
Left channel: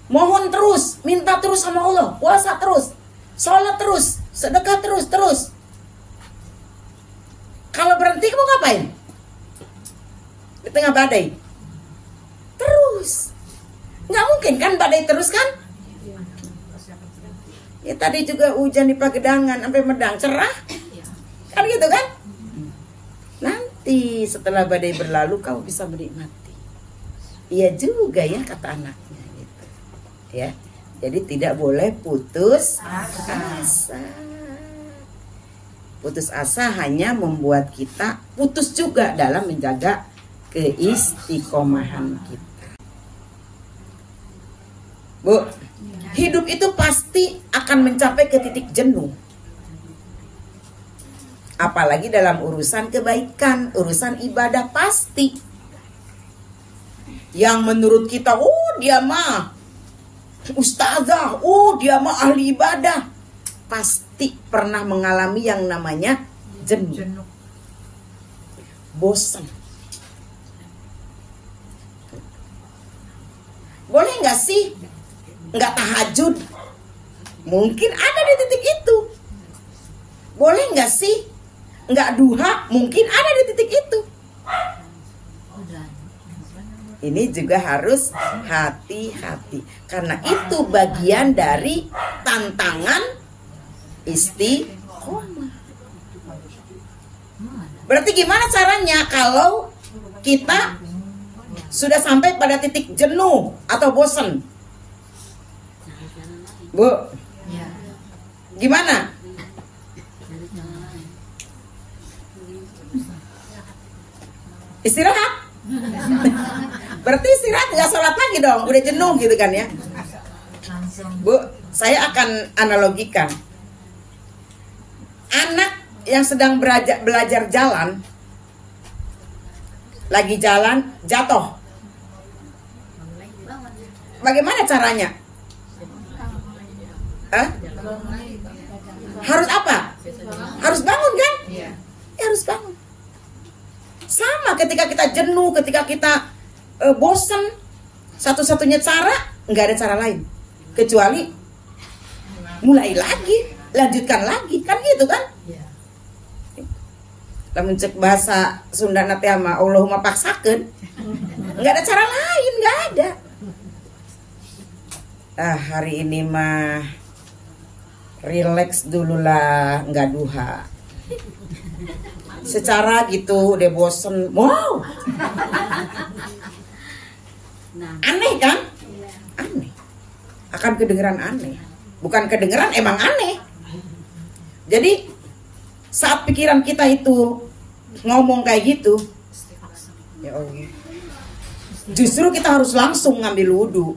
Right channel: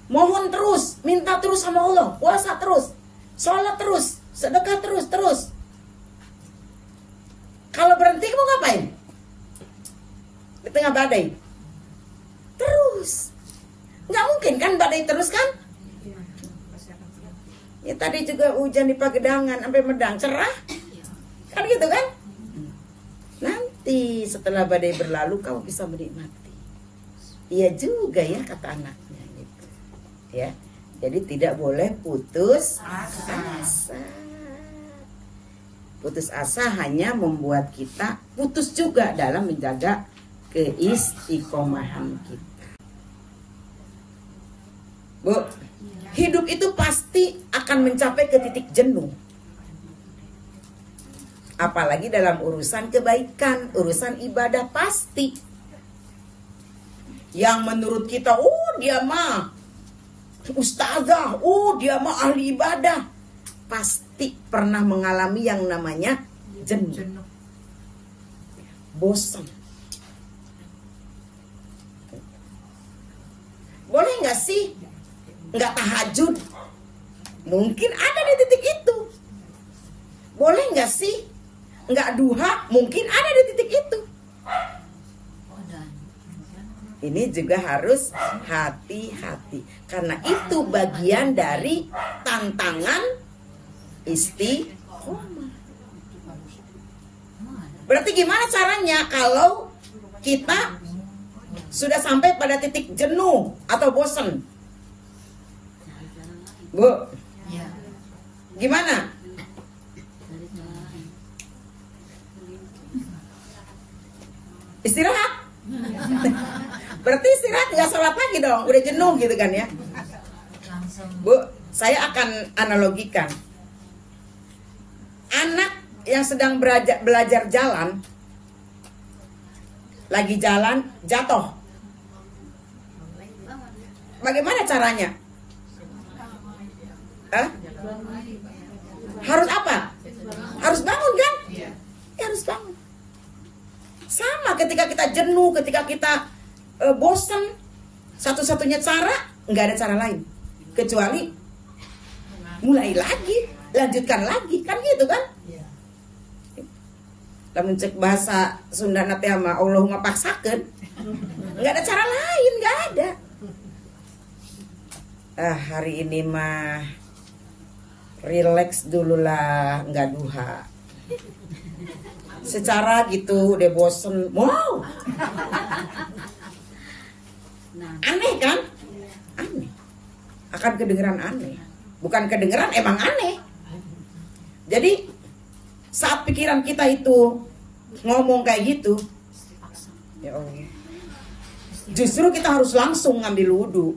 Mohon terus, minta terus sama Allah, puasa terus, sholat terus, sedekah terus. Kalau berhenti kamu ngapain? Di tengah badai. Terus. Nggak mungkin kan badai terus kan? Ya tadi juga hujan di Pagedangan sampai Medang, cerah. Kan gitu kan? Nanti setelah badai berlalu kamu bisa menikmati. Iya juga ya, kata anaknya gitu. Ya. Jadi tidak boleh putus asa. Putus asa hanya membuat kita putus juga dalam menjaga keistiqomahan kita. Bu, hidup itu pasti akan mencapai ke titik jenuh. Apalagi dalam urusan kebaikan, urusan ibadah pasti. Yang menurut kita, oh dia mah ustazah, oh dia mah ahli ibadah, pasti pernah mengalami yang namanya jenuh. Bosan. Boleh nggak sih nggak tahajud? Mungkin ada di titik itu. Boleh nggak sih nggak duha? Mungkin ada di titik itu. Ini juga harus hati-hati, karena itu bagian dari tantangan istiqomah. Berarti gimana caranya kalau kita sudah sampai pada titik jenuh atau bosan? Bu, gimana? Istirahat. Berarti istirahat, nggak sholat lagi dong, udah jenuh gitu kan ya. Bu, saya akan analogikan. Anak yang sedang belajar jalan, lagi jalan, jatuh. Bagaimana caranya? Harus apa? Harus bangun kan? Ya, harus bangun. Sama ketika kita jenuh, ketika kita bosan, satu-satunya cara, nggak ada cara lain kecuali mulai lagi, lanjutkan lagi, kan gitu kan? Lamun cek bahasa Sunda nate mah Allahumma paksakeun, nggak ada cara lain, nggak ada. Hari ini mah relax dulu lah, nggak duha. Secara gitu udah bosen, wow. Aneh kan? Aneh. Akan kedengeran aneh. Bukan kedengeran, emang aneh. Jadi Saat pikiran kita itu ngomong kayak gitu, justru kita harus langsung ngambil wudhu,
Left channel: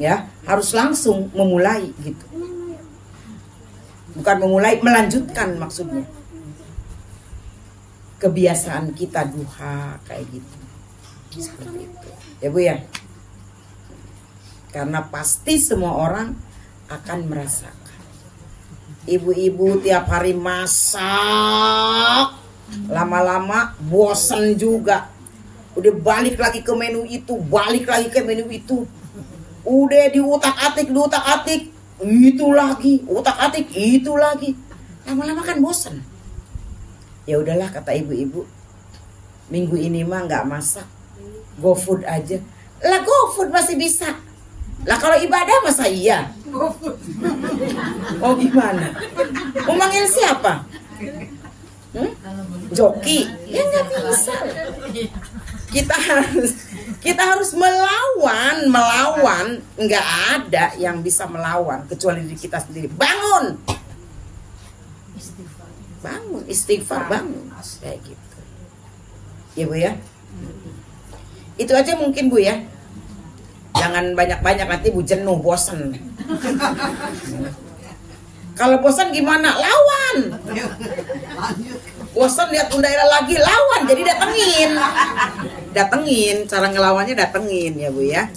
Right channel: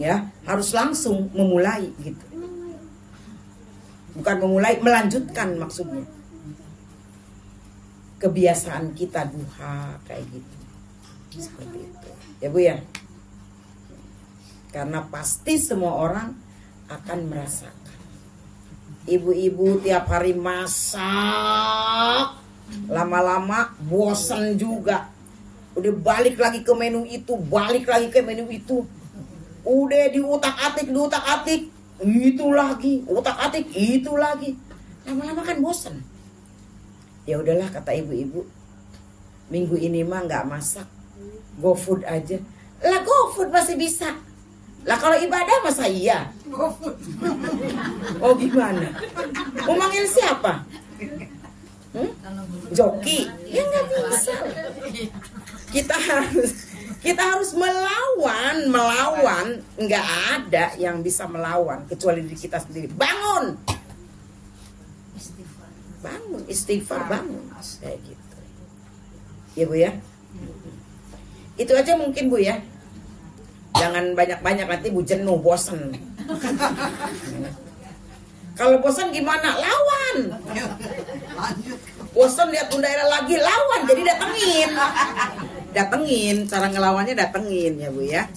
ya, harus langsung memulai gitu. Bukan memulai, melanjutkan maksudnya. Kebiasaan kita duha kayak gitu. Ya Bu ya. Karena pasti semua orang akan merasakan. Ibu-ibu tiap hari masak, lama-lama bosen juga. Udah balik lagi ke menu itu, balik lagi ke menu itu. Udah diutak-atik, itu lagi, utak-atik, itu lagi. Lama-lama kan bosan. Ya udahlah kata ibu-ibu, minggu ini mah nggak masak, go food aja. Lah go food masih bisa. Lah kalau ibadah masa iya? Go food. Oh gimana? Mau manggil siapa? Joki? Ya nggak bisa. Kita harus melawan, nggak ada yang bisa melawan kecuali diri kita sendiri. Bangun, istighfar, bangun, kayak gitu. Ya Bu ya, itu aja mungkin Bu ya. Jangan banyak-banyak, nanti Bu jenuh, bosan. Kalau bosan gimana? Lawan. Bosan lihat daerah lagi, lawan. Jadi datengin, cara ngelawannya datengin ya Bu ya.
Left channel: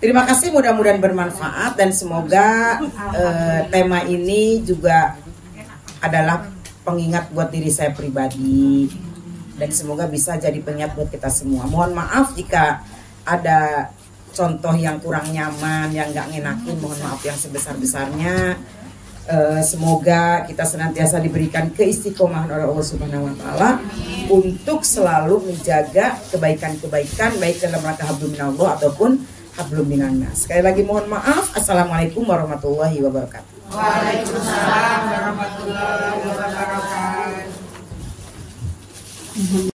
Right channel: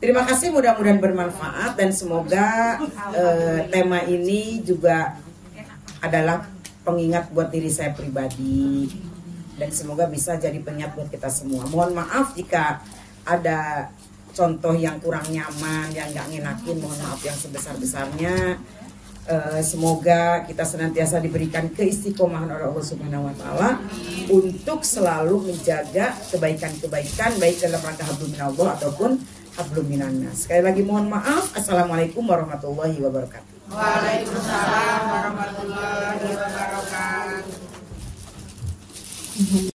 Terima kasih, mudah-mudahan bermanfaat dan semoga tema ini juga adalah pengingat buat diri saya pribadi dan semoga bisa jadi pengingat buat kita semua. Mohon maaf jika ada contoh yang kurang nyaman, yang nggak ngenakin, mohon maaf yang sebesar-besarnya. Semoga kita senantiasa diberikan keistiqomahan oleh Allah Subhanahu wa taala untuk selalu menjaga kebaikan-kebaikan baik dalam rangka hablum minallah ataupun hablum minannas. Sekali lagi mohon maaf. Assalamualaikum warahmatullahi wabarakatuh. Waalaikumsalam warahmatullahi wabarakatuh.